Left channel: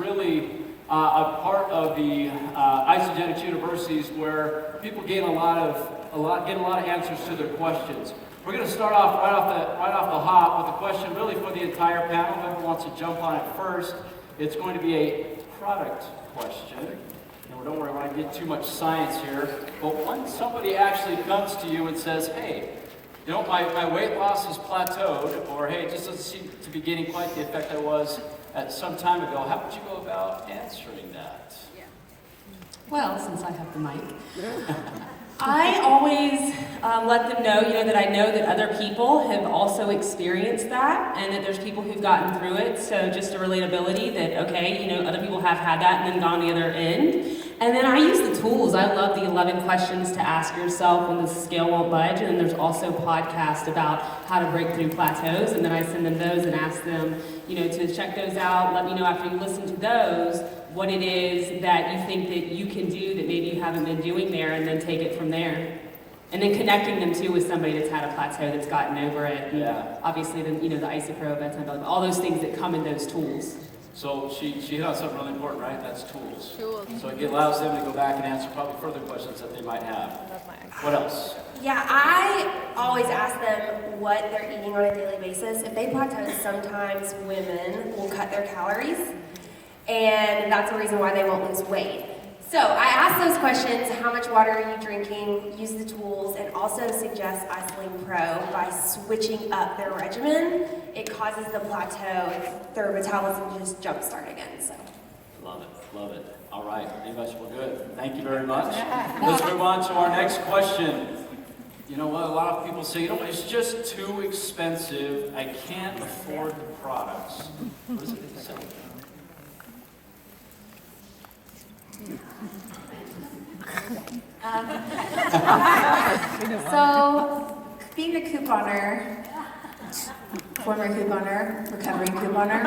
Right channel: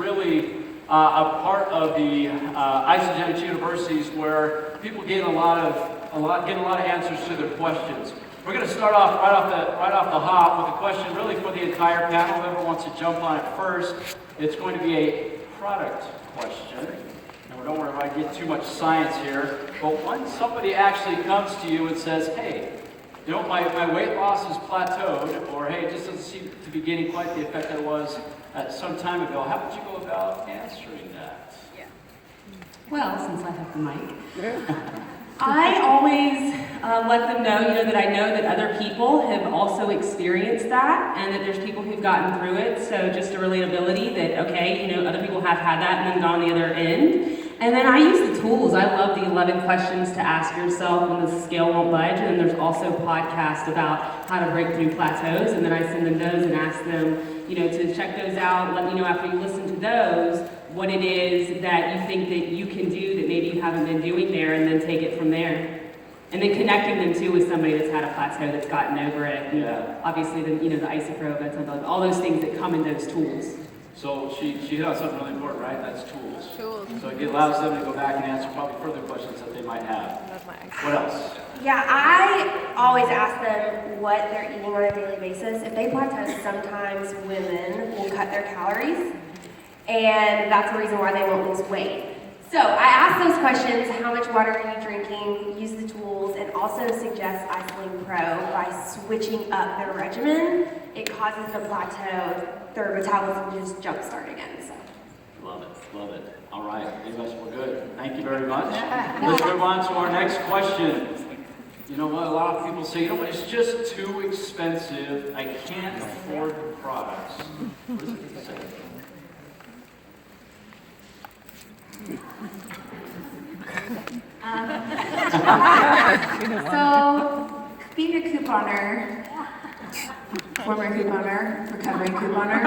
really a part of the Isogenics universities where people get a lot of answers to their questions. We're going to start off right off the hop with a question really for the entire panel. Whoever wants to jump on it first, it's going to be a product question. And don't worry, I don't get too much science here. But when somebody actually comes to you and says, hey, you know, my weight loss has plateaued, or hey, it just doesn't seem to be getting quite the effect I was some time ago, how would you go about answering that? Yeah. Well, since I have the mic, I always let them know, that I know that other people have also experienced that, and that there's people who've gotten through it. So just a relatability that, okay, other people have had that and then gone the other end. And then I use the tools. I love the 11 questions to ask yourself when the scale won't budge. And then there's also podcasts about how to break through plateaus. And then I send them those and ask them, to check those out. Let me know after you listen to those what it is that you think that you can do that maybe you haven't been doing there, and then take it from there. And then connecting them too with somebody that's had a plateau, that's gotten over it. Yeah. Obviously, the isopro, all those things that come in those tools. So she hit on something really important, right? That's tools. Tools. So it allows them to go back and answer probably further questions that they might have. What else? Yeah, I always ask them what they're eating on a daily basis. If they plateau, sometimes women will cut their calories, and that's the reason why they won't lose weight. So I ask those questions: how much water are you drinking? Use the tools, and also suggest Isoline Pro by switching up their regimen. It causes the plateau, their metabolism to just jumpstart again. So. Love it. All right, you guys were good. Thank you very much. Let's move on to our next question. You know what, a lot of people say, it's just too expensive. I can't afford the products. What does it say? So, being a couponer, former couponer, recovering couponer,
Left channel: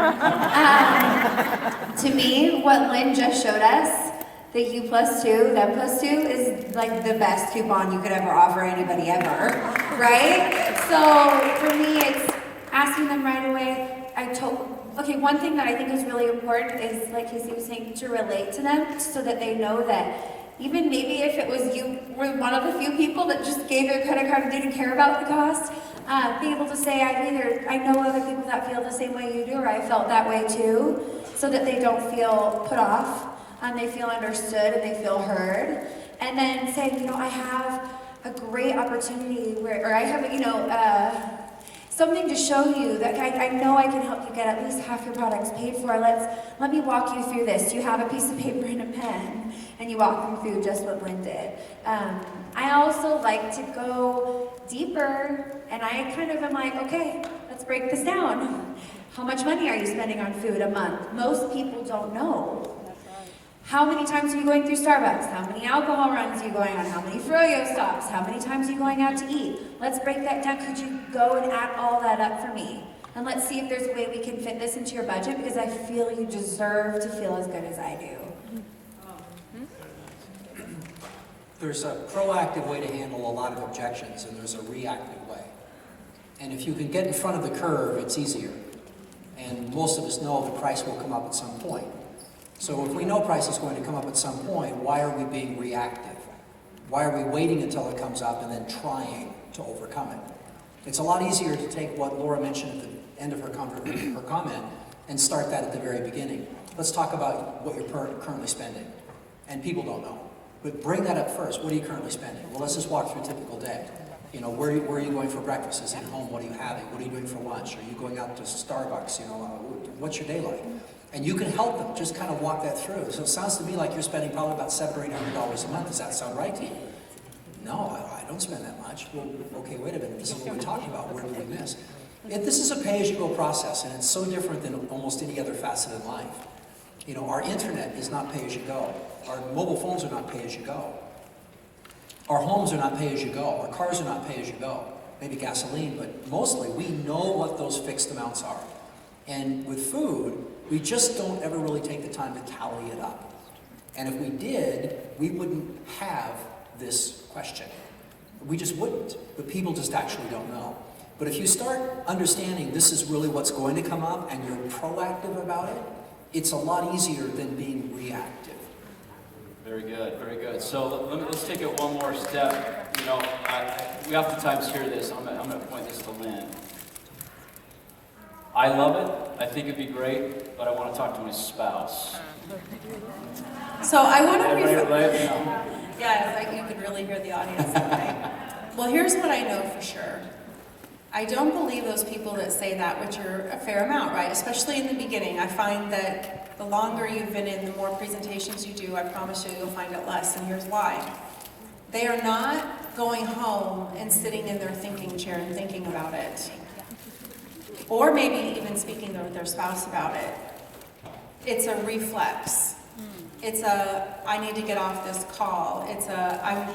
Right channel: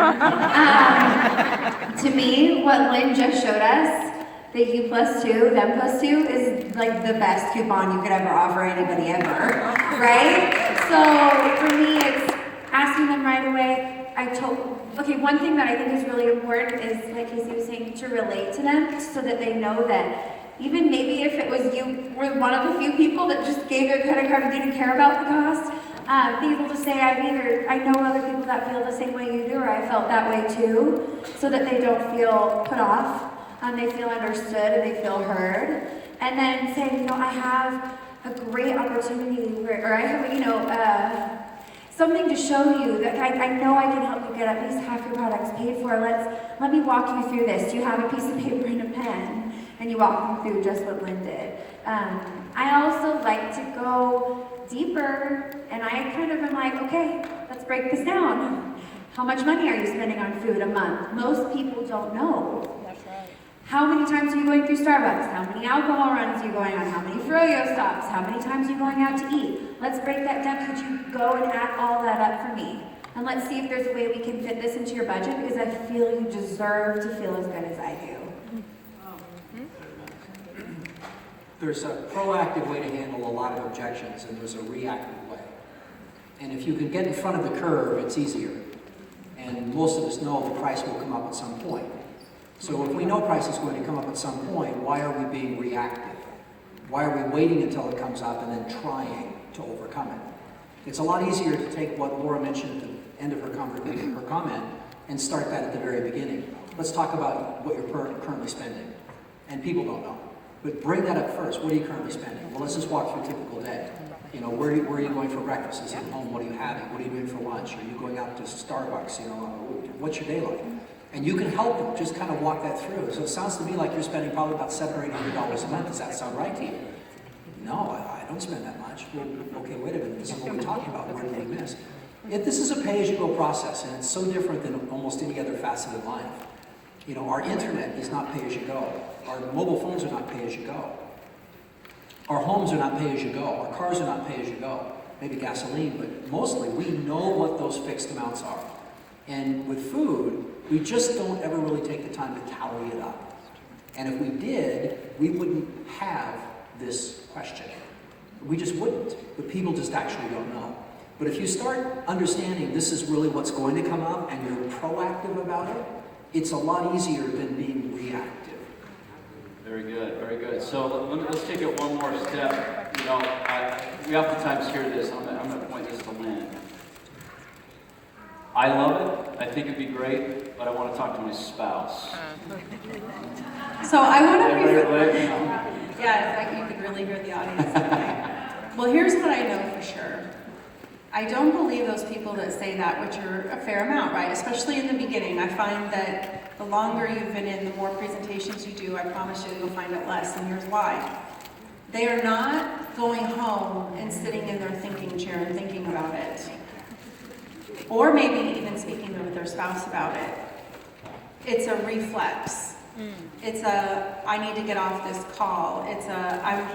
to me, what Lynn just showed us, the U plus 2, them plus 2, is like the best coupon you could ever offer anybody ever, right? So, for me, it's asking them right away. Okay, one thing that I think is really important is, like Casey was saying, to relate to them so that they know that even maybe if it was you were one of the few people that just gave a credit card and didn't care about the cost, be able to say, I know other people that feel the same way you do, or I felt that way too, so that they don't feel put off, and they feel understood and they feel heard. And then saying, I have a great opportunity or I have, something to show you that I know I can help you get at least half your products paid for. Let me walk you through this. You have a piece of paper and a pen, and you walk them through just what Lynn did. I also like to go deeper, and I kind of am like, okay, let's break this down. How much money are you spending on food a month? Most people don't know. How many times are you going through Starbucks? How many alcohol runs are you going on? How many froyo stops? How many times are you going out to eat? Let's break that down. Could you go and add all that up for me? And let's see if there's a way we can fit this into your budget, because I feel you deserve to feel as good as I do. There's a proactive way to handle a lot of objections, and there's a reactive way. And if you can get in front of the curve, it's easier. And most of us know the price will come up at some point. So if we know price is going to come up at some point, why are we being reactive? Why are we waiting until it comes up and then trying to overcome it? It's a lot easier to take what Laura mentioned at the end of her comment and start that at the very beginning. Let's talk about what you're currently spending. And people don't know. But bring that up first. What are you currently spending? Well, let's just walk through a typical day. Where are you going for breakfast? Is it home? What are you having? What are you doing for lunch? Are you going out to Starbucks? What's your day like? And you can help them just kind of walk that through. So it sounds to me like you're spending probably about $700 or $800 a month. Does that sound right to you? No, I don't spend that much. Well, okay, wait a minute. This is what we're talking about. Where did we miss? This is a pay-as-you-go process, and it's so different than almost any other facet of life. Our internet is not pay-as-you-go. Our mobile phones are not pay-as-you-go. Our homes are not pay-as-you-go. Our cars are not pay-as-you-go. Maybe gasoline, but mostly we know what those fixed amounts are. And with food, we just don't ever really take the time to tally it up. And if we did, we wouldn't have this question. We just wouldn't. But people just actually don't know. But if you start understanding this is really what's going to come up and you're proactive about it, it's a lot easier than being reactive. Very good, very good. So let's take it one more step. You know, we oftentimes hear this. I'm going to point this to Lynn. I love it. I think it'd be great, but I want to talk to my spouse. So I want to Right, you know. Yeah, it's like you could really hear the audience today. Well, here's what I know for sure. I don't believe those people that say that, which are a fair amount, right? Especially in the beginning. I find that the longer you've been in, the more presentations you do, I promise you, you'll find it less, and here's why. They are not going home and sitting in their thinking chair and thinking about it. Or maybe even speaking with their spouse about it. It's a reflex. It's a, I need to get off this call. It's a,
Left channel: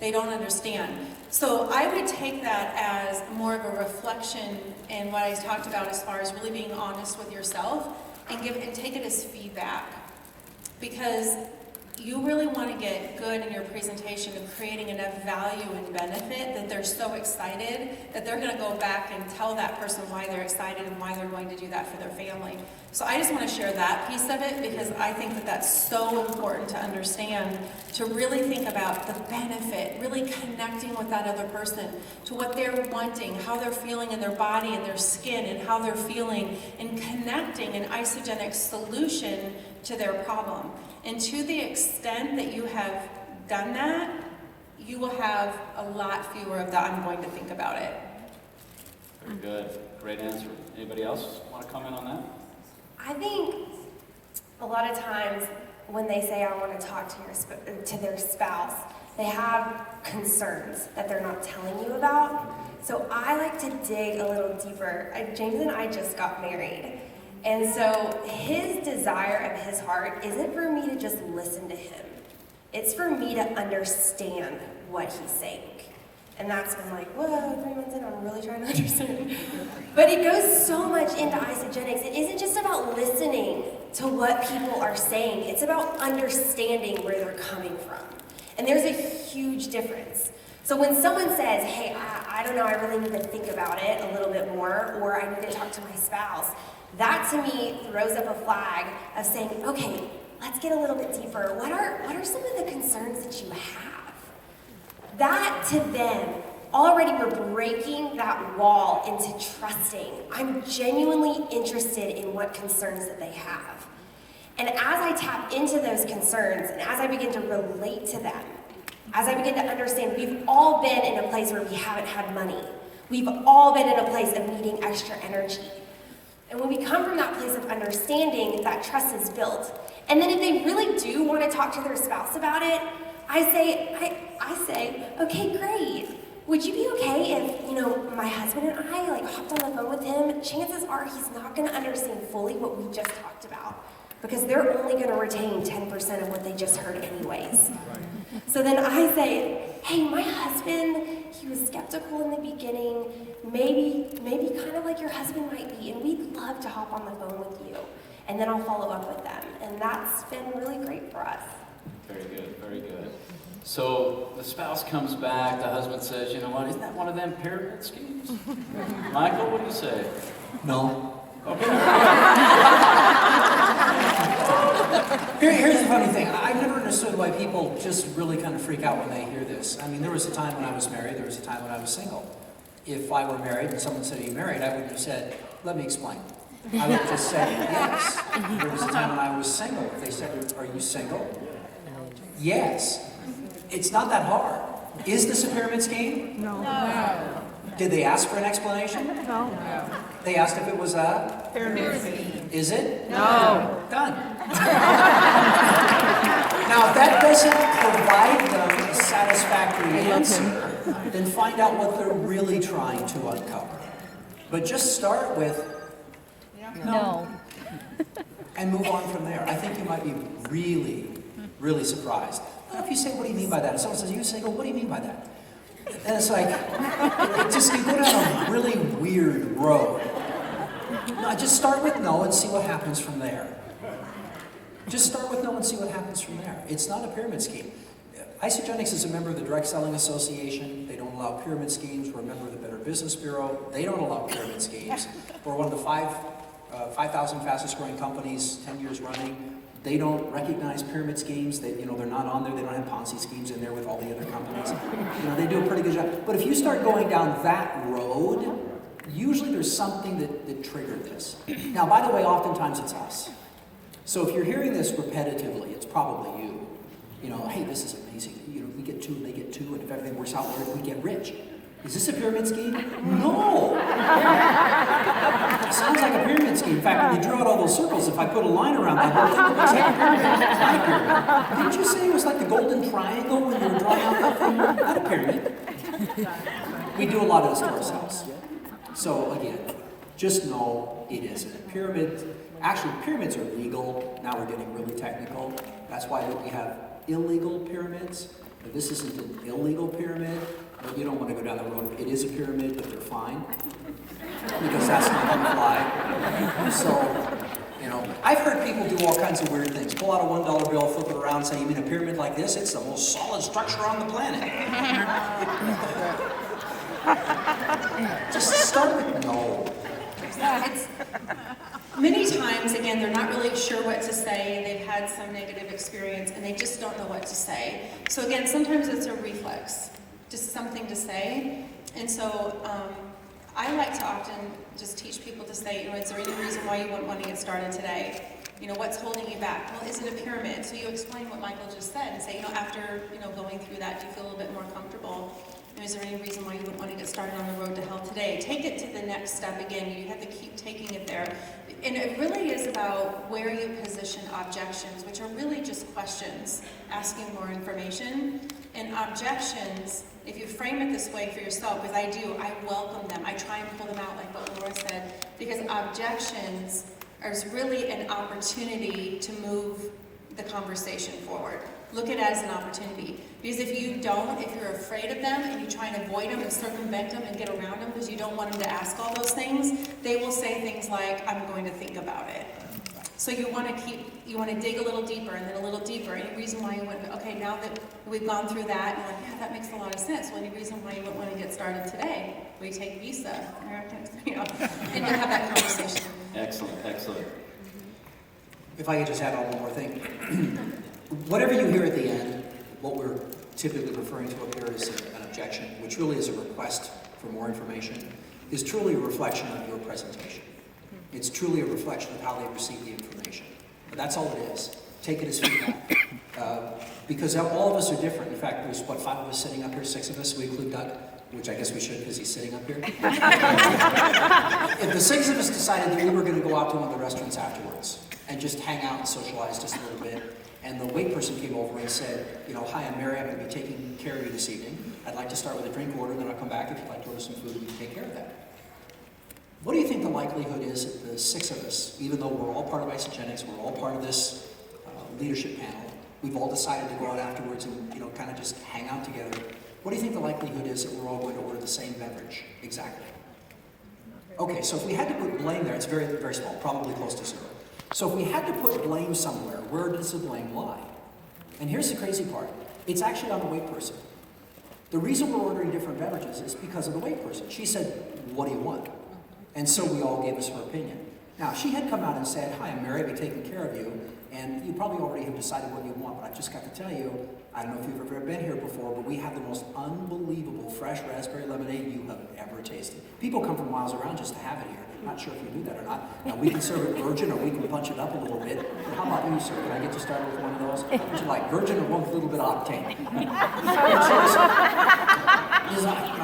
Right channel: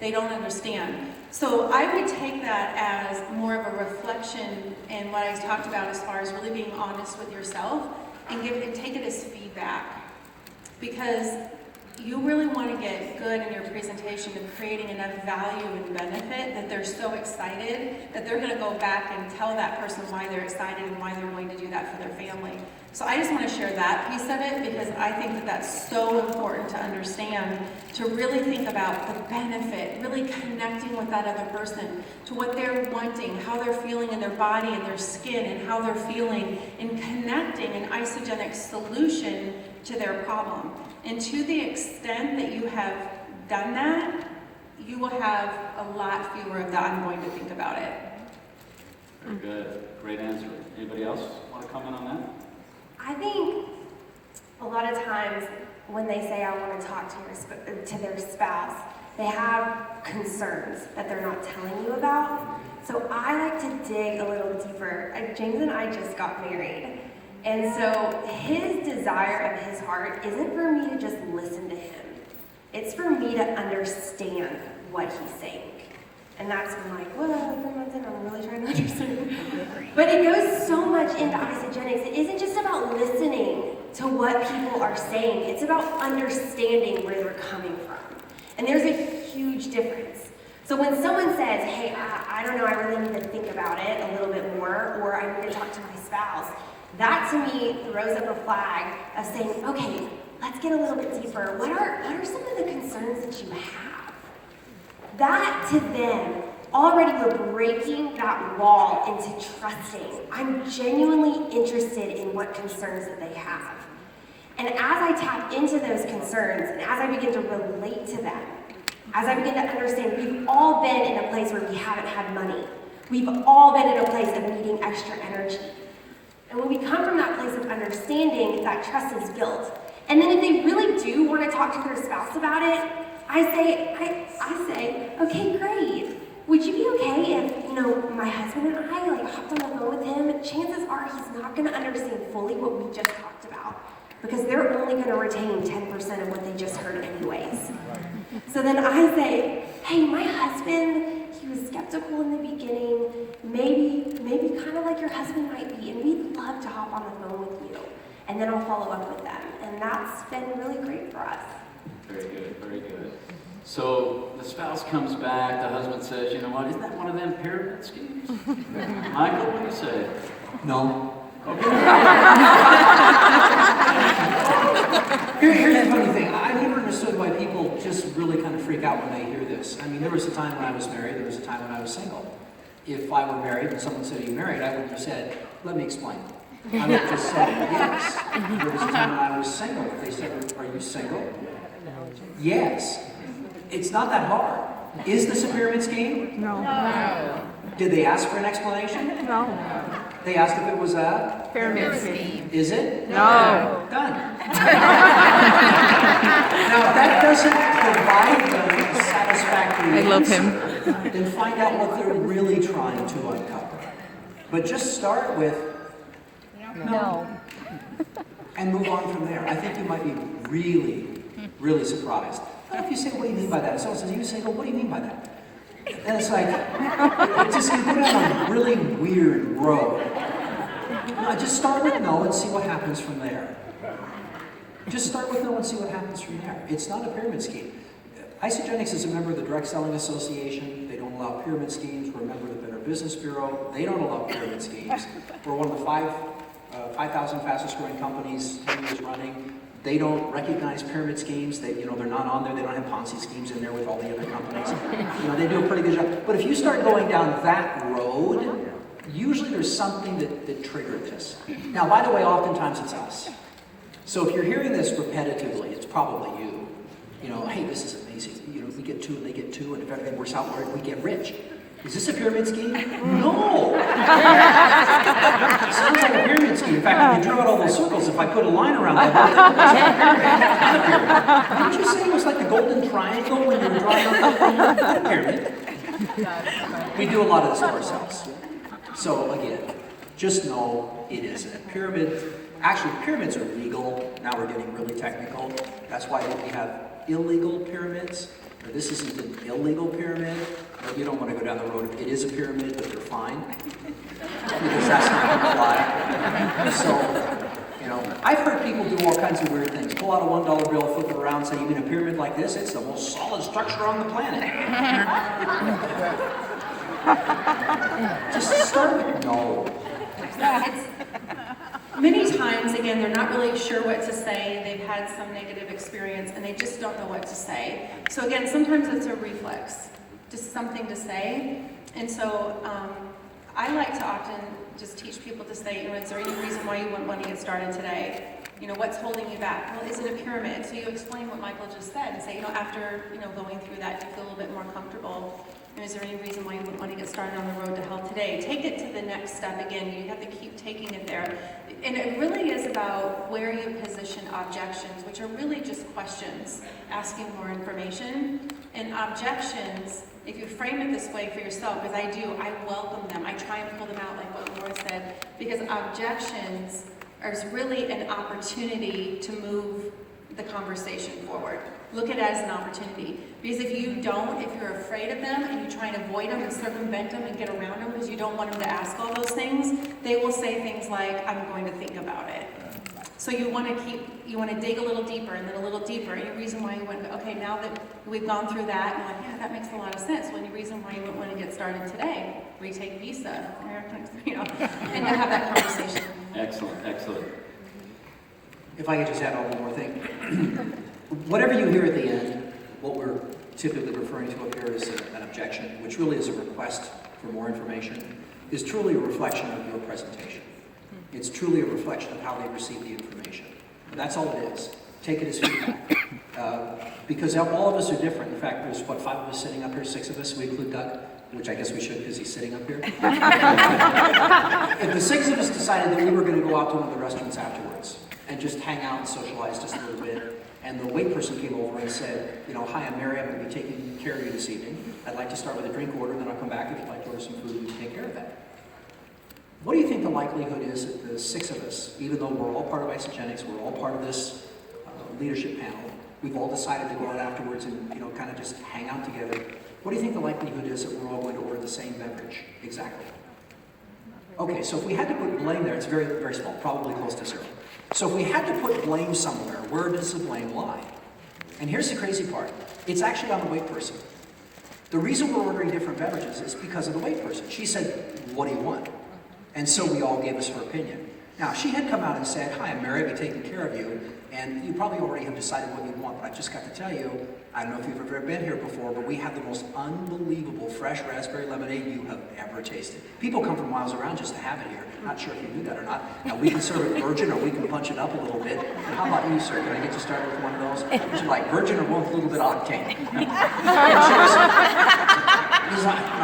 they don't understand. So I would take that as more of a reflection and what I talked about as far as really being honest with yourself and take it as feedback. Because you really want to get good in your presentation of creating enough value and benefit that they're so excited that they're going to go back and tell that person why they're excited and why they're going to do that for their family. So I just want to share that piece of it because I think that that's so important to understand, to really think about the benefit, really connecting with that other person, to what they're wanting, how they're feeling in their body and their skin and how they're feeling, and connecting an isogenic solution to their problem. And to the extent that you have done that, you will have a lot fewer of that I'm going to think about it. Very good. Great answer. Anybody else want to comment on that? I think a lot of times when they say I want to talk to their spouse, they have concerns that they're not telling you about. So I like to dig a little deeper. James and I just got married. And so his desire of his heart isn't for me to just listen to him. It's for me to understand what he's saying. And that's when I'm like, whoa, 3 months in, I'm really trying to understand. But it goes so much into isogenics. It isn't just about listening to what people are saying. It's about understanding where they're coming from. And there's a huge difference. So when someone says, hey, I don't know, I really need to think about it a little bit more, or I need to talk to my spouse, that to me throws up a flag of saying, okay, let's get a little bit deeper. What are some of the concerns that you have? That to them, already we're breaking that wall into trusting. I'm genuinely interested in what concerns that they have. And as I tap into those concerns, and as I begin to relate to them, as I begin to understand, we've all been in a place where we haven't had money. We've all been in a place of needing extra energy. And when we come from that place of understanding, that trust is built. And then if they really do want to talk to their spouse about it, I say, okay, great. Would you be okay if, my husband and I hopped on the phone with him? Chances are he's not going to understand fully what we just talked about because they're only going to retain 10% of what they just heard anyways. So then I say, hey, my husband, he was skeptical in the beginning, maybe kind of like your husband might be, and we'd love to hop on the phone with you. And then I'll follow up with them. And that's been really great for us. Very good, very good. So the spouse comes back, the husband says, you know what, isn't that one of them pyramid schemes? Michael, what do you say? No. Okay. Here's the funny thing. I've never understood why people just really kind of freak out when they hear this. I mean, there was a time when I was married, there was a time when I was single. If I were married and someone said, are you married? I wouldn't have said, let me explain. I would have just said, yes. There was a time when I was single. They said, are you single? Yes. It's not that hard. Is this a pyramid scheme? No. Did they ask for an explanation? No. They asked if it was a Pyramid scheme. Is it? No. Done. Now, if that doesn't provide them a satisfactory answer, then find out what they're really trying to uncover. But just start with no. And move on from there. I think you might be really, really surprised. What if you say, what do you mean by that? If someone says, are you single? What do you mean by that? And it's like, you go down a really weird road. No, just start with no and see what happens from there. Just start with no and see what happens from there. It's not a pyramid scheme. Isogenics is a member of the Direct Selling Association. They don't allow pyramid schemes. We're a member of the Better Business Bureau. They don't allow pyramid schemes. We're one of the 5 5,000 fastest growing companies, 10 years running. They don't recognize pyramid schemes. They're not on there. They don't have Ponzi schemes in there with all the other companies. They do a pretty good job. But if you start going down that road, usually there's something that triggered this. Now, by the way, oftentimes it's us. So if you're hearing this repetitively, it's probably you. Hey, this is amazing. We get 2 and they get 2, and if everything works out, we get rich. Is this a pyramid scheme? No! It sounds like a pyramid scheme. In fact, when you draw out all those circles, if I put a line around that whole thing, it looks like a pyramid. It's not a pyramid. Didn't you say it was like the golden triangle when you were drawing out that thing? Not a pyramid. We do a lot of this to ourselves. So again, just know it isn't a pyramid. Actually, pyramids are legal. Now we're getting really technical. That's why we have illegal pyramids. This isn't an illegal pyramid. But you don't want to go down the road. It is a pyramid, but they're fine. Because that's not going to fly. So, I've heard people do all kinds of weird things. Pull out a $1 bill, flip it around, say, you mean a pyramid like this? It's the most solid structure on the planet. Just start with no. Many times, again, they're not really sure what to say, they've had some negative experience, and they just don't know what to say. So again, sometimes it's a reflex, just something to say. And so I like to often just teach people to say, is there any reason why you wouldn't want to get started today? What's holding you back? Well, is it a pyramid? So you explain what Michael just said and say, after, going through that, do you feel a little bit more comfortable? Is there any reason why you wouldn't want to get started on the road to hell today? Take it to the next step again. You have to keep taking it there. And it really is about where you position objections, which are really just questions, asking more information. And objections, if you frame it this way for yourself, because I welcome them. I try and pull them out like what Laura said, because objections are really an opportunity to move the conversation forward. Look at it as an opportunity. Because if you're afraid of them and you try and avoid them and circumvent them and get around them because you don't want them to ask all those things, they will say things like, I'm going to think about it. So you want to dig a little deeper and then a little deeper. Any reason why you wouldn't, okay, now that we've gone through that, and yeah, that makes a lot of sense. Well, any reason why you wouldn't want to get started today? Retake Visa, and then have that conversation. Excellent. If I could just add one more thing. Whatever you hear at the end, what we're typically referring to up here is an objection, which really is a request for more information, is truly a reflection of your presentation. It's truly a reflection of how they receive the information. But that's all it is. Take it as feedback. Because all of us are different. In fact, there's 5 of us sitting up here, 6 of us, we include Doug, which I guess we should because he's sitting up here. If the 6 of us decided that we were going to go out to one of the restaurants afterwards and just hang out and socialize just a little bit, and the wait person came over and said, hi, I'm Mary, I'm going to be taking care of you this evening. I'd like to start with a drink order, then I'll come back if you'd like to order some food and take care of that. What do you think the likelihood is that the 6 of us, even though we're all part of Isogenics, we're all part of this leadership panel, we've all decided to go out afterwards and kind of just hang out together, what do you think the likelihood is that we're all going to order the same beverage exactly? Okay, so if we had to put blame there, it's very, very small, probably close to 0. So if we had to put blame somewhere, where does the blame lie? And here's the crazy part. It's actually on the wait person. The reason we're ordering different beverages is because of the wait person. She said, what do you want? And so we all gave us her opinion. Now, if she had come out and said, hi, I'm Mary, I'll be taking care of you, and you probably already have decided what you want, but I've just got to tell you, I don't know if you've ever been here before, but we have the most unbelievable fresh raspberry lemonade you have ever tasted. People come from miles around just to have it here. Not sure if you do that or not. Now, we can serve it virgin, or we can punch it up a little bit. And how about you, sir? Can I get you started with one of those? Would you like virgin or one with a little bit of octane?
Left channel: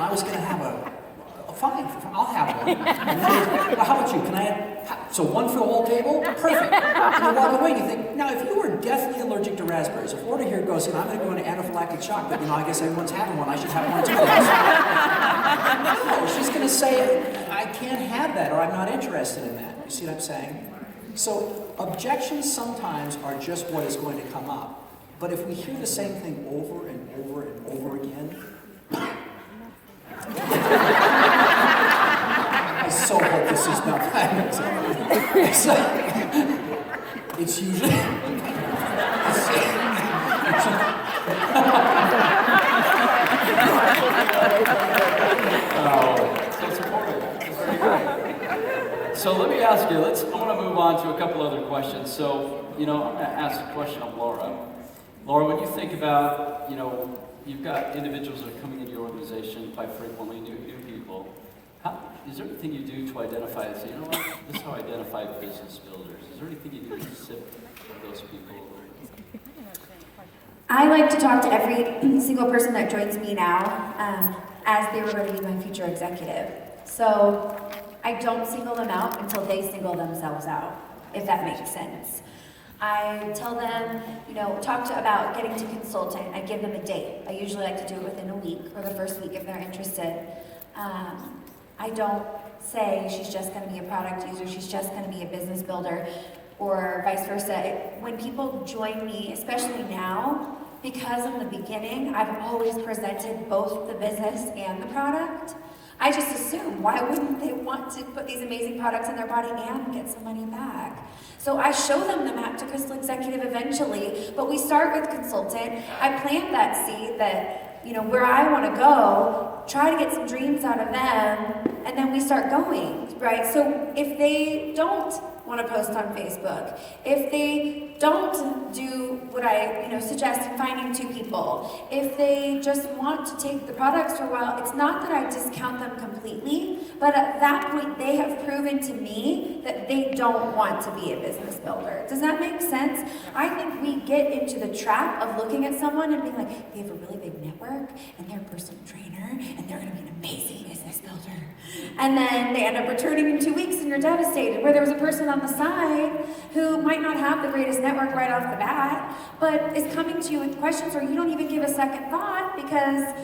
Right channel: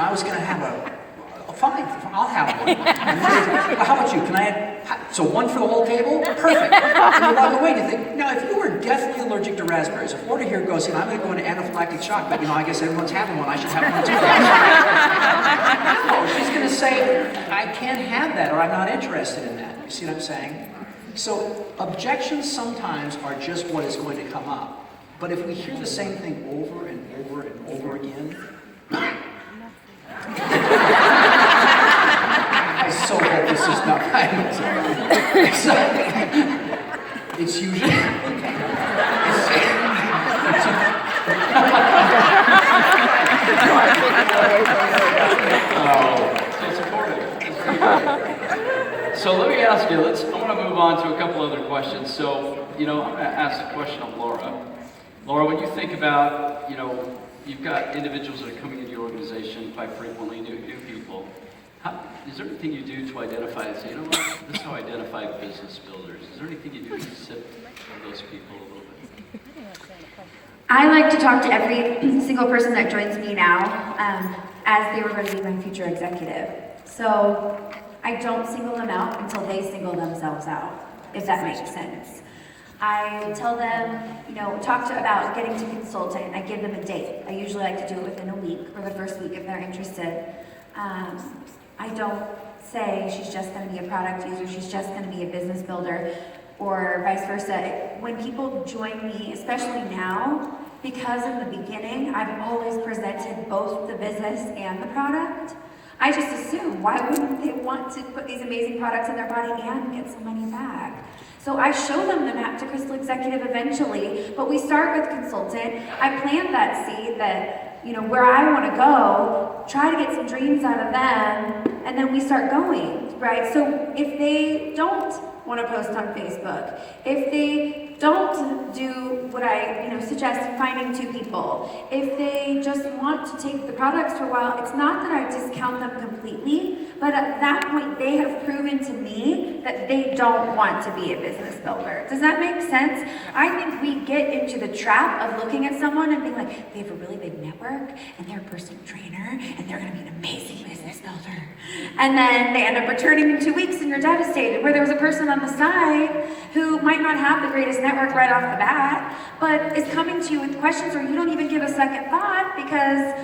I was going to have fine, I'll have one. And then, how about you? Can I have, so one for the whole table? Perfect. And you walk away and you think, now if you were deathly allergic to raspberries, if order here goes, I'm going to go into anaphylactic shock, but I guess everyone's having one, I should have one too. No, she's going to say, I can't have that, or I'm not interested in that. You see what I'm saying? So objections sometimes are just what is going to come up. But if we hear the same thing over and over and over again, I so hope this is not kindness. It's usually. So supportive. It's very good. So let me ask you, I want to move on to a couple other questions. So, I'm going to ask a question of Laura. Laura, when you think about, you've got individuals that are coming into your organization quite frequently, new people. Is there anything you do to identify and say, what, this is how I identify business builders? Is there anything you do to sift those people a little bit? I like to talk to every single person that joins me now as they were going to be my future executive. So I don't single them out until they single themselves out, if that makes sense. I tell them, talk about getting to consultant. I give them a date. I usually like to do it within a week or the first week if they're interested. I don't say she's just going to be a product user, she's just going to be a business builder, or vice versa. When people join me, especially now, because in the beginning, I've always presented both the business and the product, I just assume, why wouldn't they want to put these amazing products in their body and get some money back? So I show them the map to Crystal Executive eventually, but we start with consultant. I plant that seed that, where I want to go, try to get some dreams out of them, and then we start going, right? So if they don't want to post on Facebook, if they don't do what I suggest, finding 2 people, if they just want to take the products for a while, it's not that I discount them completely, but at that point they have proven to me that they don't want to be a business builder. Does that make sense? I think we get into the trap of looking at someone and being like, they have a really big network and they're a personal trainer and they're going to be an amazing business builder. And then they end up returning in 2 weeks and you're devastated, where there was a person on the side who might not have the greatest network right off the bat, but is coming to you with questions or you don't even give a second thought because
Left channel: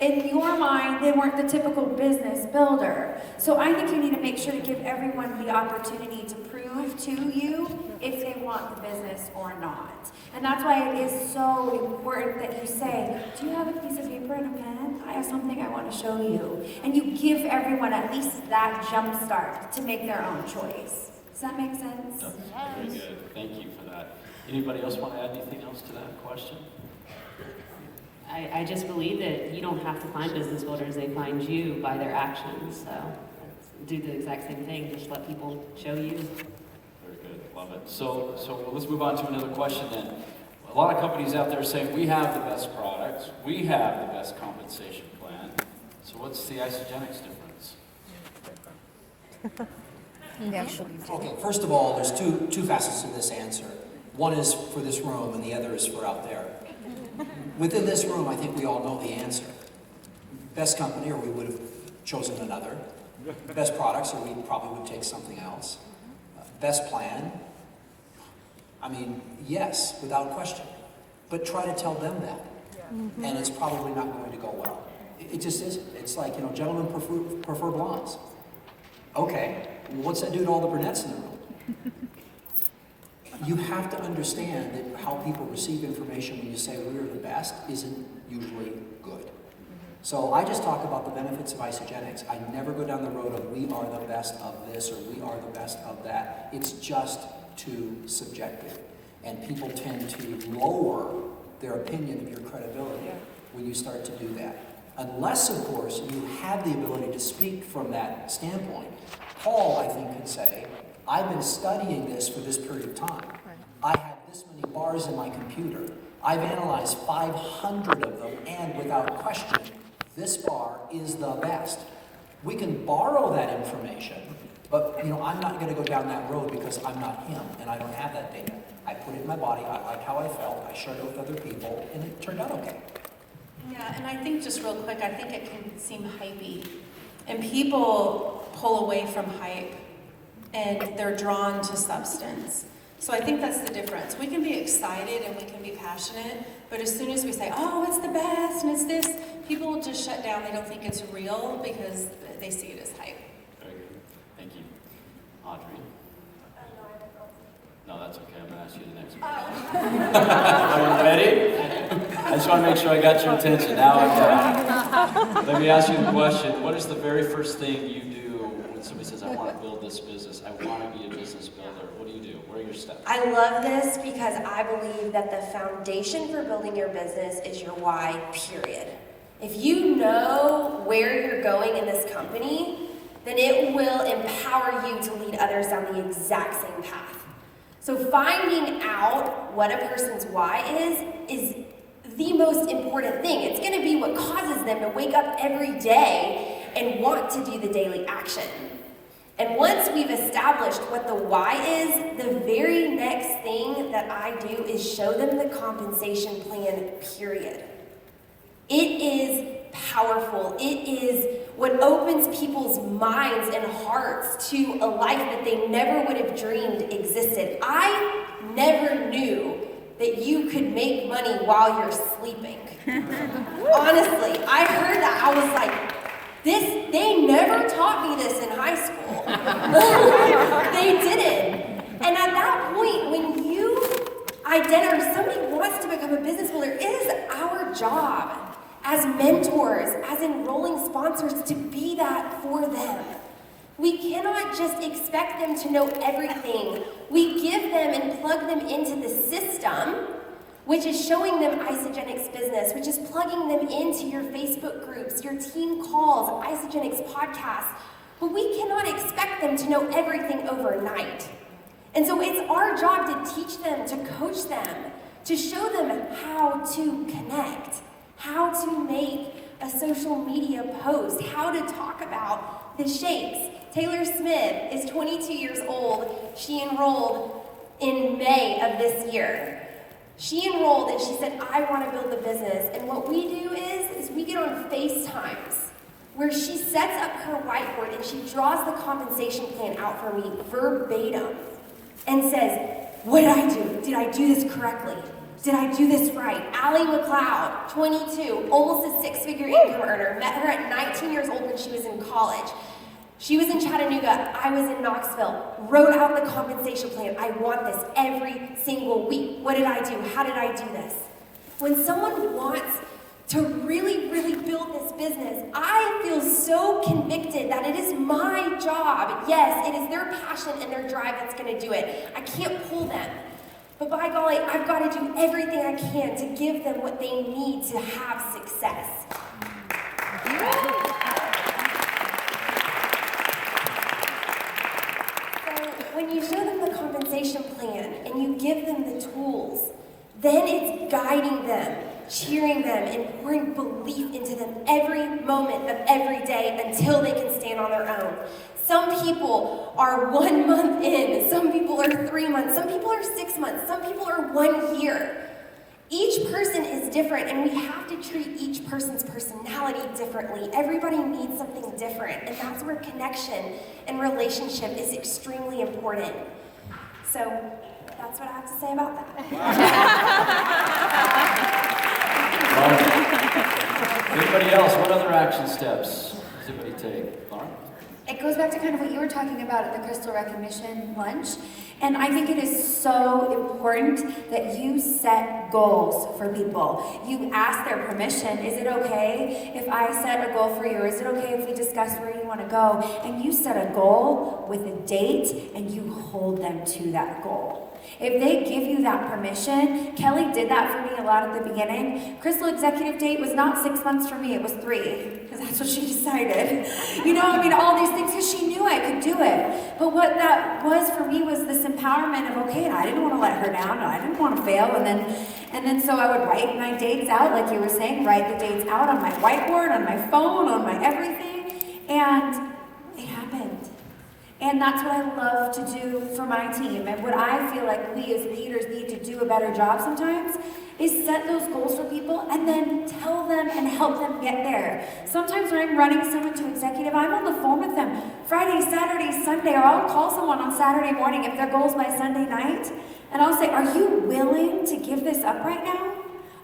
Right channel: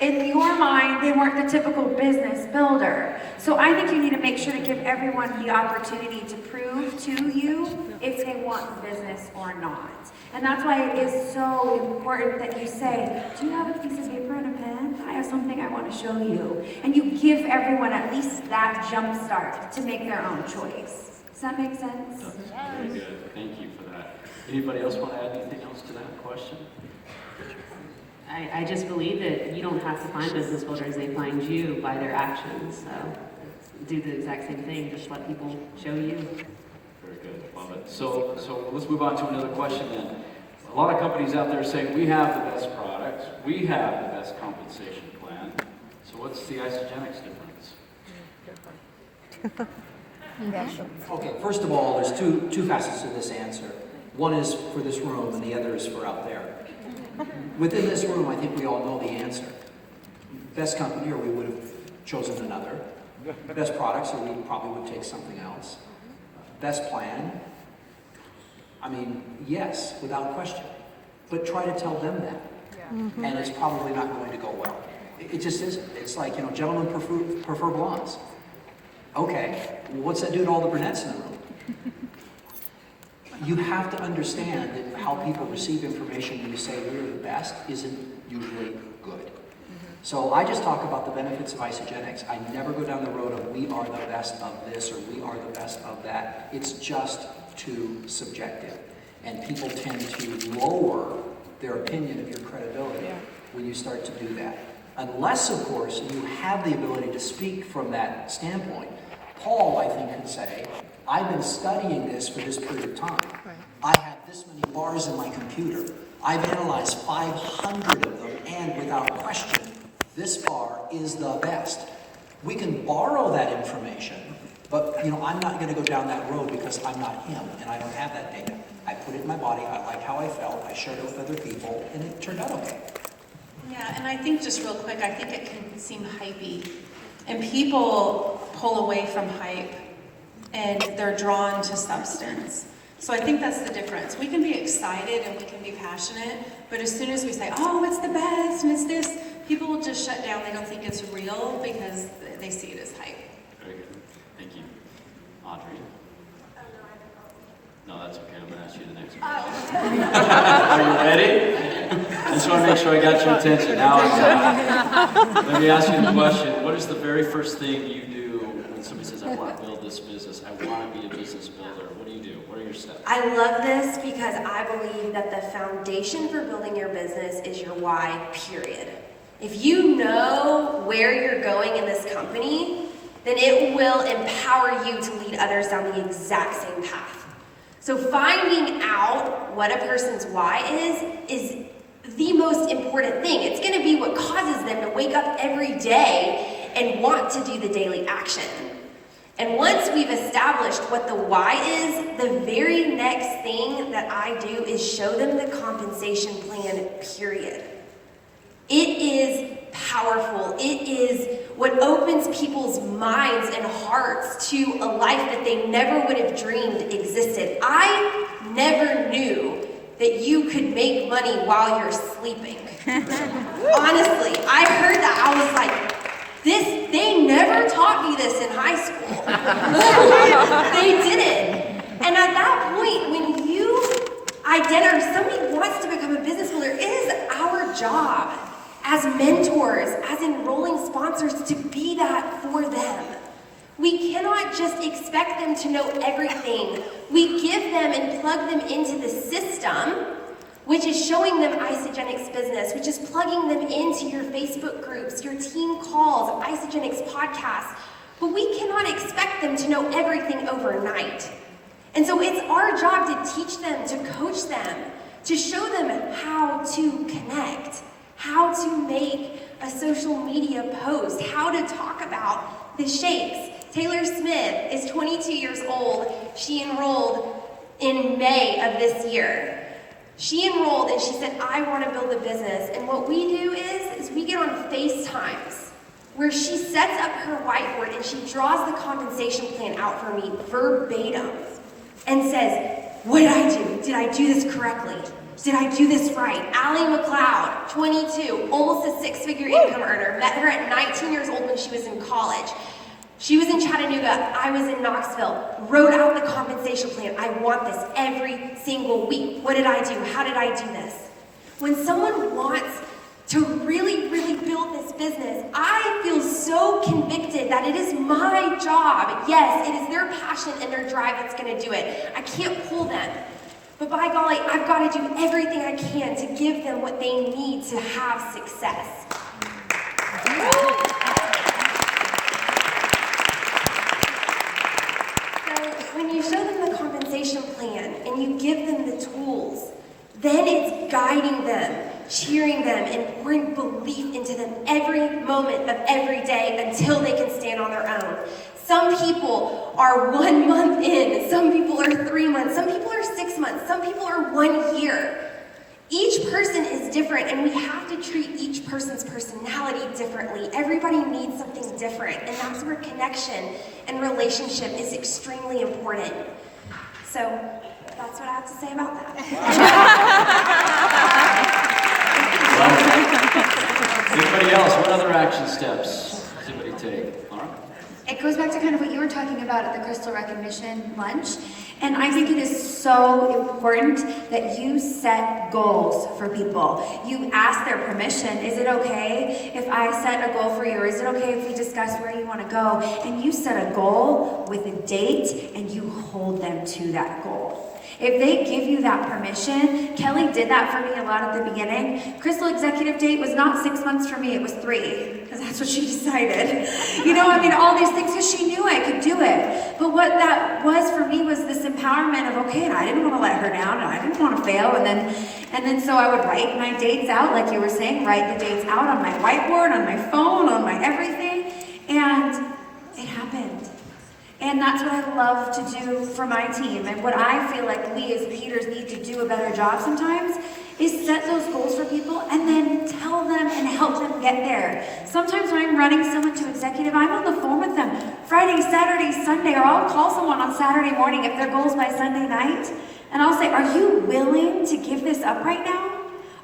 in your mind, they weren't the typical business builder. So I think you need to make sure to give everyone the opportunity to prove to you if they want the business or not. And that's why it is so important that you say, do you have a piece of paper and a pen? I have something I want to show you. And you give everyone at least that jump start to make their own choice. Does that make sense? That's very good. Thank you for that. Anybody else want to add anything else to that question? I just believe that you don't have to find business builders, they find you by their actions. So do the exact same thing, just let people show you. Very good, love it. So let's move on to another question then. A lot of companies out there saying we have the best product, we have the best compensation plan. So what's the Isagenix difference? Okay, first of all, there's two facets to this answer. One is for this room and the other is for out there. Within this room, I think we all know the answer. Best company, or we would have chosen another. Best products, or we probably would take something else. Best plan, yes, without question. But try to tell them that. And it's probably not going to go well. It just isn't. It's like, gentlemen prefer blondes. Okay, well, what's that do to all the brunettes in the room? You have to understand that how people receive information when you say we're the best isn't usually good. So I just talk about the benefits of Isagenix. I never go down the road of we are the best of this or we are the best of that. It's just too subjective. And people tend to lower their opinion of your credibility when you start to do that. Unless, of course, you have the ability to speak from that standpoint. Paul, I think, could say, I've been studying this for this period of time. I had this many bars in my computer. I've analyzed 500 of them, and without question, this bar is the best. We can borrow that information, but I'm not going to go down that road because I'm not him, and I don't have that data. I put it in my body, I like how I felt, I shared it with other people, and it turned out okay. Yeah, and I think just real quick, I think it can seem hypey. And people pull away from hype and they're drawn to substance. So I think that's the difference. We can be excited and we can be passionate, but as soon as we say, oh, it's the best and it's this, people will just shut down. They don't think it's real because they see it as hype. Very good. Thank you. Audrey? No, that's okay. I'm going to ask you the next question. Are you ready? I just want to make sure I got your attention. Now I got it. Let me ask you the question. What is the very first thing you do when somebody says, I want to build this business, I want to be a business builder? What do you do? What are your steps? I love this because I believe that the foundation for building your business is your why, period. If you know where you're going in this company, then it will empower you to lead others down the exact same path. So finding out what a person's why is the most important thing. It's going to be what causes them to wake up every day and want to do the daily action. And once we've established what the why is, the very next thing that I do is show them the compensation plan, period. It is powerful. It is what opens people's minds and hearts to a life that they never would have dreamed existed. I never knew that you could make money while you're sleeping. Honestly, I heard that, I was like, they never taught me this in high school. They didn't. And at that point, when you identify, somebody wants to become a business builder, it is our job as mentors, as enrolling sponsors, to be that for them. We cannot just expect them to know everything. We give them and plug them into the system, which is showing them Isagenix business, which is plugging them into your Facebook groups, your team calls, Isagenix podcasts. But we cannot expect them to know everything overnight. And so it's our job to teach them, to coach them, to show them how to connect, how to make a social media post, how to talk about the shakes. Taylor Smith is 22 years old. She enrolled in May of this year. She enrolled and she said, I want to build a business. And what we do is we get on FaceTimes where she sets up her whiteboard and she draws the compensation plan out for me verbatim and says, what did I do? Did I do this correctly? Did I do this right? Allie McLeod, 22, almost a six-figure income earner. Met her at 19 years old when she was in college. She was in Chattanooga, I was in Knoxville, wrote out the compensation plan. I want this every single week. What did I do? How did I do this? When someone wants to really, really build this business, I feel so convicted that it is my job. Yes, it is their passion and their drive that's gonna do it. I can't pull them. But by golly, I've got to do everything I can to give them what they need to have success. When you show them the compensation plan and you give them the tools, then it's guiding them, cheering them, and pouring belief into them every moment of every day until they can stand on their own. Some people are 1 month in, some people are 3 months, some people are 6 months, some people are 1 year. Each person is different, and we have to treat each person's personality differently. Everybody needs something different, and that's where connection and relationship is extremely important. So that's what I have to say about that. Anybody else? What other action steps does anybody take? Laura? It goes back to kind of what you were talking about at the Crystal Recognition lunch. And I think it is so important that you set goals for people. You ask their permission. Is it okay if I set a goal for you? Or is it okay if we discuss where you want to go? And you set a goal with a date and you hold them to that goal. If they give you that permission, Kelly did that for me a lot at the beginning. Crystal executive date was not 6 months for me, it was 3, because that's what she decided. You know, I mean, all these things, because she knew I could do it. But what that was for me was this empowerment of, okay, I didn't want to let her down, and I didn't want to fail, and then so I would write my dates out, like you were saying, write the dates out on my whiteboard, on my phone, on my everything, and it happened. And that's what I love to do for my team. And what I feel like we as leaders need to do a better job sometimes is set those goals for people and then tell them and help them get there. Sometimes when I'm running someone to executive, I'm on the phone with them Friday, Saturday, Sunday, or I'll call someone on Saturday morning if their goal's by Sunday night. And I'll say, are you willing to give this up right now?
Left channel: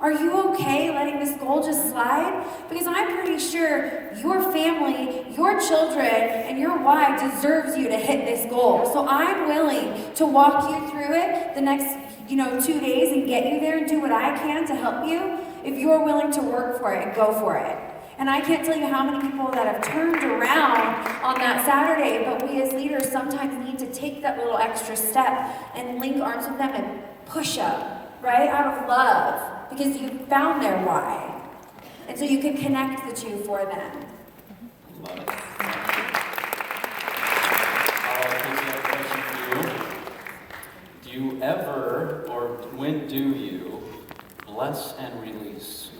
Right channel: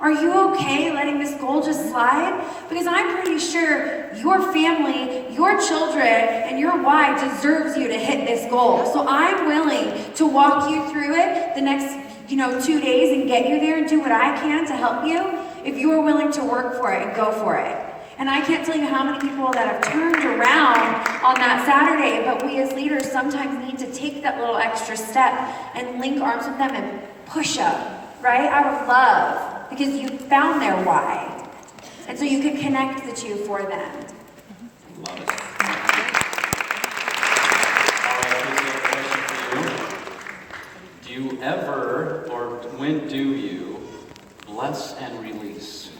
Are you okay letting this goal just slide? Because I'm pretty sure your family, your children, and your wife deserves you to hit this goal. So I'm willing to walk you through it the next, 2 days and get you there and do what I can to help you if you're willing to work for it and go for it. And I can't tell you how many people that have turned around on that Saturday, but we as leaders sometimes need to take that little extra step and link arms with them and push up, right? Out of love. Because you found their why. And so you can connect the two for them. Love it. you ever, or when do you, bless and release?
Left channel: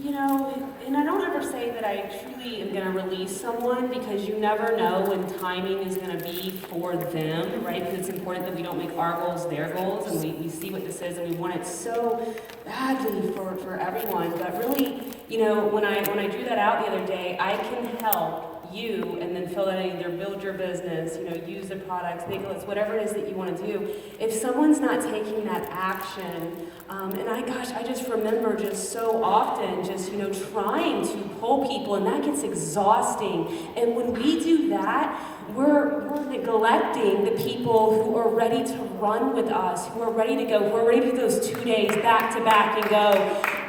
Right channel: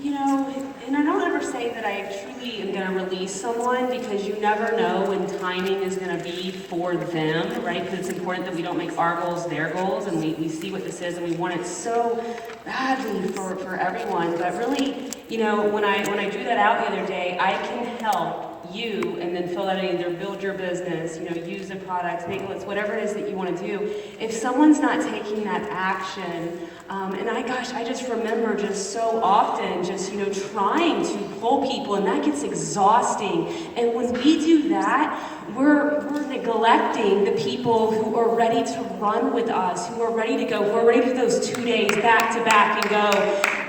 You know, and I don't ever say that I truly am going to release someone, because you never know when timing is going to be for them, right? Because it's important that we don't make our goals their goals, and we see what this is, and we want it so badly for everyone. But really, you know, when I drew that out the other day, I can help you, and then fill that in, either build your business, you know, use the products, make it, whatever it is that you want to do. If someone's not taking that action, and I just remember just so often just, you know, trying to pull people, and that gets exhausting. And when we do that, we're neglecting the people who are ready to run with us, who are ready to go, who are ready to do those 2 days back to back and go.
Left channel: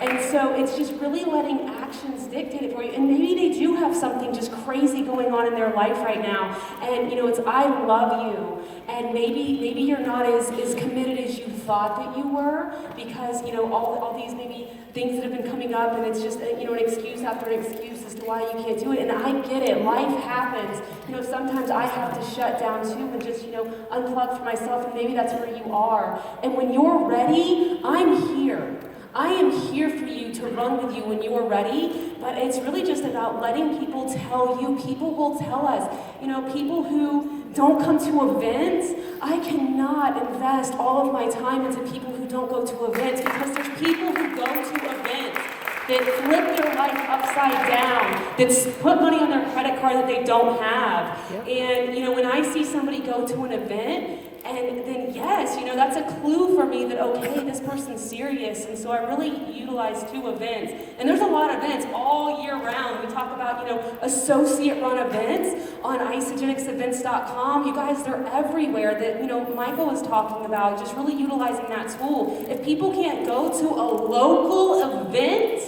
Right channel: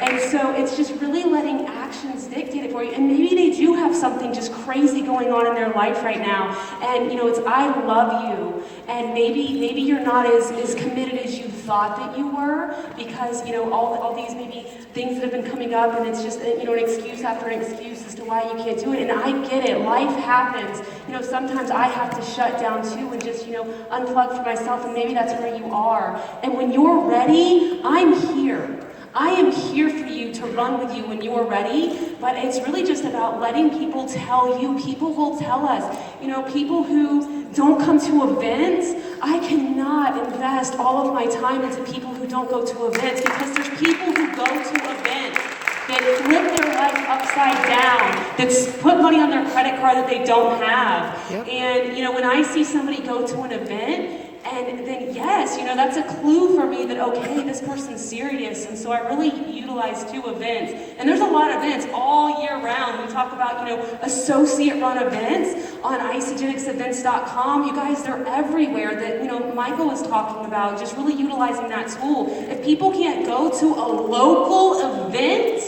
And so it's just really letting actions dictate it for you. And maybe they do have something just crazy going on in their life right now. And, you know, it's, I love you. And maybe you're not as committed as you thought that you were, because, you know, all these maybe things that have been coming up, and it's just, you know, an excuse after an excuse as to why you can't do it. And I get it. Life happens. You know, sometimes I have to shut down too and just, you know, unplug for myself, and maybe that's where you are. And when you're ready, I'm here. I am here for you to run with you when you're ready, but it's really just about letting people tell you. People will tell us, you know, people who don't come to events, I cannot invest all of my time into people who don't go to events, because there's people who go to events that flip their life upside down, that put money on their credit card that they don't have. Yep. And, you know, when I see somebody go to an event, and then, yes, you know, that's a clue for me that, okay, this person's serious. And so I really utilize 2 events. And there's a lot of events all year round. We talk about, you know, associate-run events on isagenixevents.com. You guys, they're everywhere that, you know, Michael was talking about, just really utilizing that tool. If people can't go to a local event,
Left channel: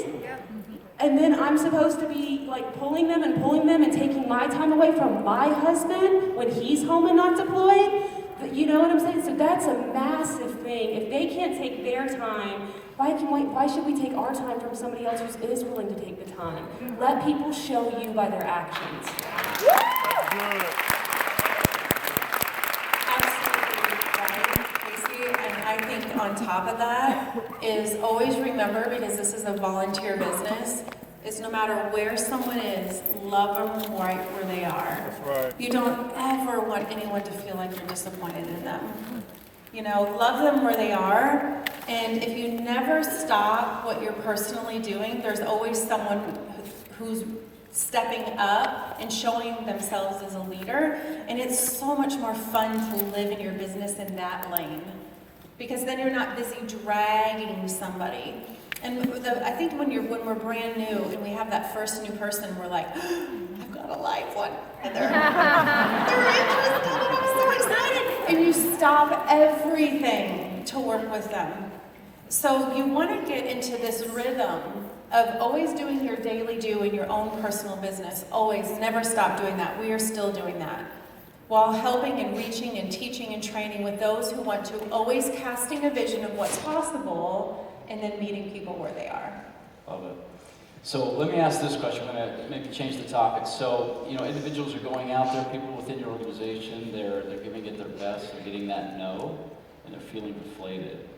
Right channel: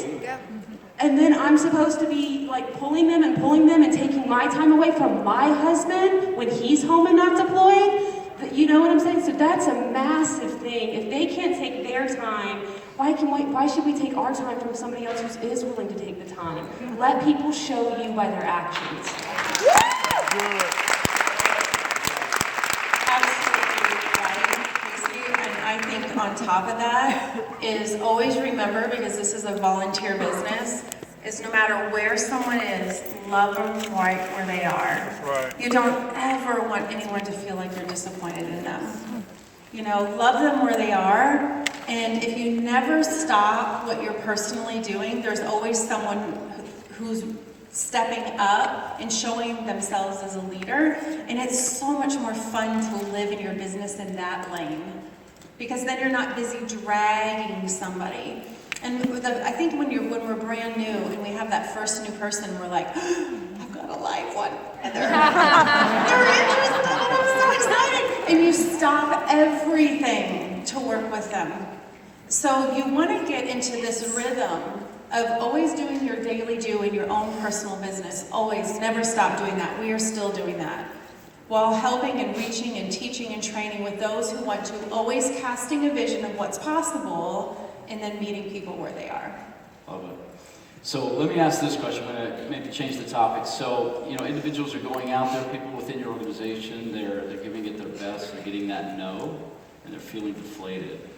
and then I'm supposed to be like pulling them and taking my time away from my husband when he's home and not deployed, you know what I'm saying? So that's a massive thing. If they can't take their time, why should we take our time from somebody else who is willing to take the time? Let people show you by their actions. Absolutely right, Casey. And I think on top of that is always remember, because this is a volunteer business, is no matter where someone is, love them right where they are. Right. You don't ever want anyone to feel like you're disappointed in them. You know, love them where they are, and if you never stop what you're personally doing, there's always someone who's stepping up and showing themselves as a leader, and it's so much more fun to live in your business in that lane, because then you're not busy dragging somebody. And I think when we're brand new and we have that first new person, we're like, I've got a live one, and they're interested, and I'm so excited. And you stop everything to work with them. So you want to get into this rhythm of always doing your daily do in your own personal business. Always, never stop doing that. We are still doing that, while helping and reaching and teaching and training with those who want to, always casting a vision of what's possible, and then meeting people where they are. Love it. So let me ask this question. I'm going to maybe change the topic. So, you know, individuals are going out there, people within your organization, they're giving it their best, they're getting that no, and they're feeling deflated.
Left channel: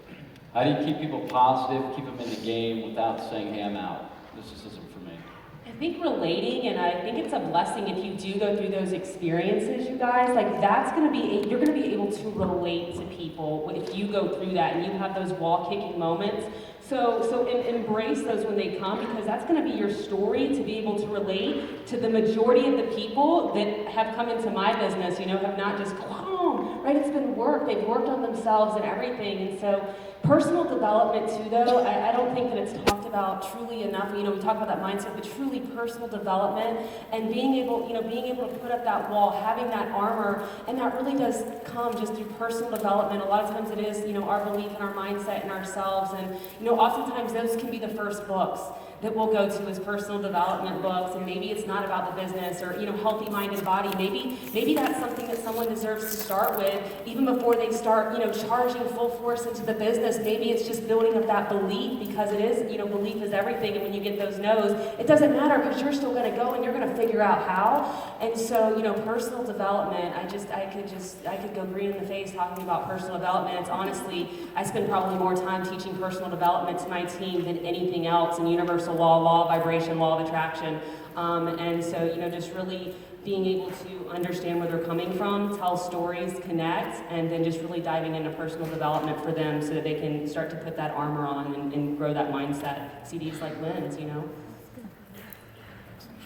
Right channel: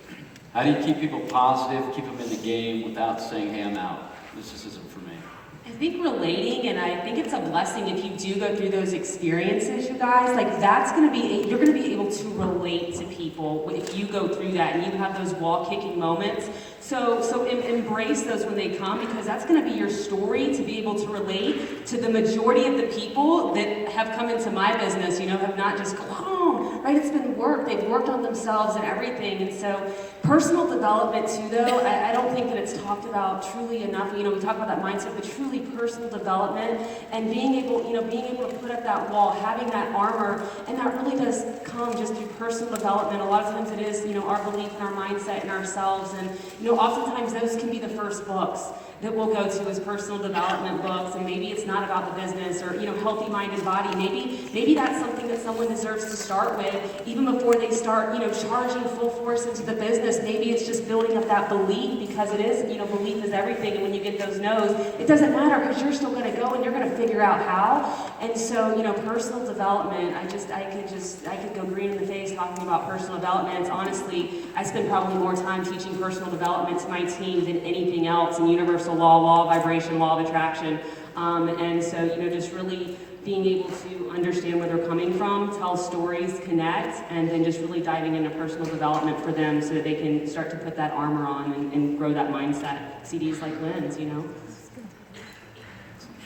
How do you keep people positive, keep them in the game without saying, hey, I'm out? This just isn't for me. I think relating, and I think it's a blessing if you do go through those experiences, you guys, like that's going to be, you're going to be able to relate to people if you go through that and you have those wall-kicking moments. So embrace those when they come, because that's going to be your story, to be able to relate to the majority of the people that have come into my business, you know, have not just gone, right? It's been work. They've worked on themselves and everything. And so personal development too, though, I don't think that it's talked about truly enough. You know, we talk about that mindset, but truly personal development and being able to put up that wall, having that armor, and that really does come just through personal development. A lot of times it is, you know, our belief and our mindset in ourselves, and, you know, oftentimes those can be the first books that we'll go to as personal development books, and maybe it's not about the business or, healthy mind and body. Maybe that's something that someone deserves to start with even before they start, charging full force into the business. Maybe it's just building up that belief, because it is, belief is everything, and when you get those no's, it doesn't matter, because you're still going to go and you're going to figure out how. And so, personal development, I could go green in the face talking about personal development. It's honestly, I spend probably more time teaching personal development to my team than anything else in universal law of vibration, law of attraction. And so, just really being able to understand where they're coming from, tell stories, connect, and then just really diving into personal development for them so that they can start to put that armor on and grow that mindset. CDs like Lynn's,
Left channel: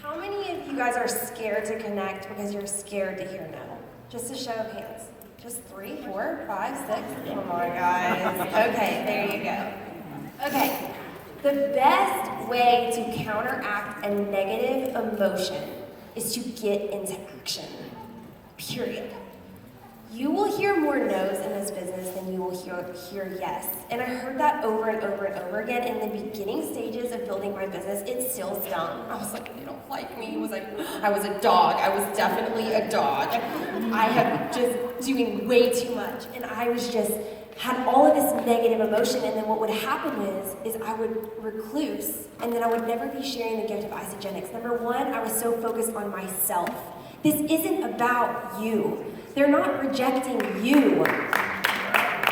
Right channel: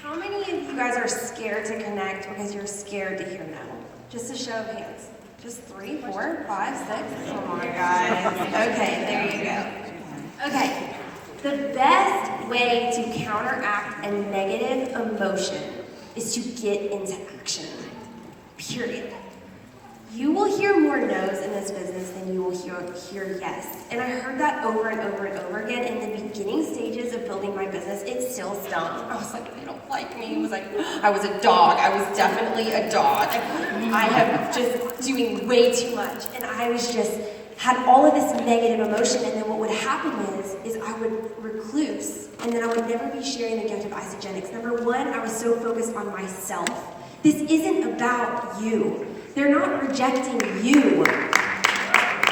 How many of you guys are scared to connect because you're scared to hear no? Just a show of hands. Just 3, 4, 5, 6. Oh my guys. Okay, there you go. Okay. The best way to counteract a negative emotion is to get into action. Period. You will hear more no's in this business than you will hear yes. And I heard that over and over and over again. In the beginning stages of building my business, it still stung. I was like, they don't like me. It was like, I was a dog. I was definitely a dog. I have just doing way too much. And I was just, had all of this negative emotion. And then what would happen is I would recluse, and then I would never be sharing the gift of Isagenix. Number one, I was so focused on myself. This isn't about you. They're not rejecting you.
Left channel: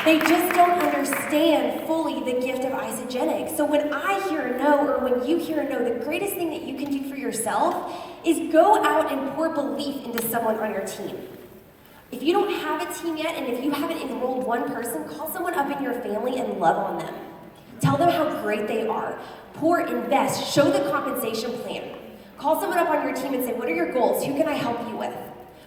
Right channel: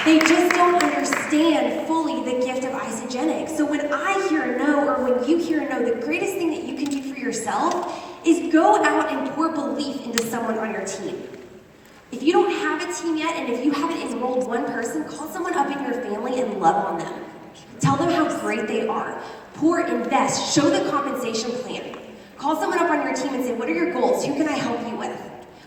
They just don't understand fully the gift of Isagenix. So when I hear a no, or when you hear a no, the greatest thing that you can do for yourself is go out and pour belief into someone on your team. If you don't have a team yet, and if you haven't enrolled one person, call someone up in your family and love on them. Tell them how great they are. Pour, invest, show the compensation plan. Call someone up on your team and say, what are your goals? Who can I help you with?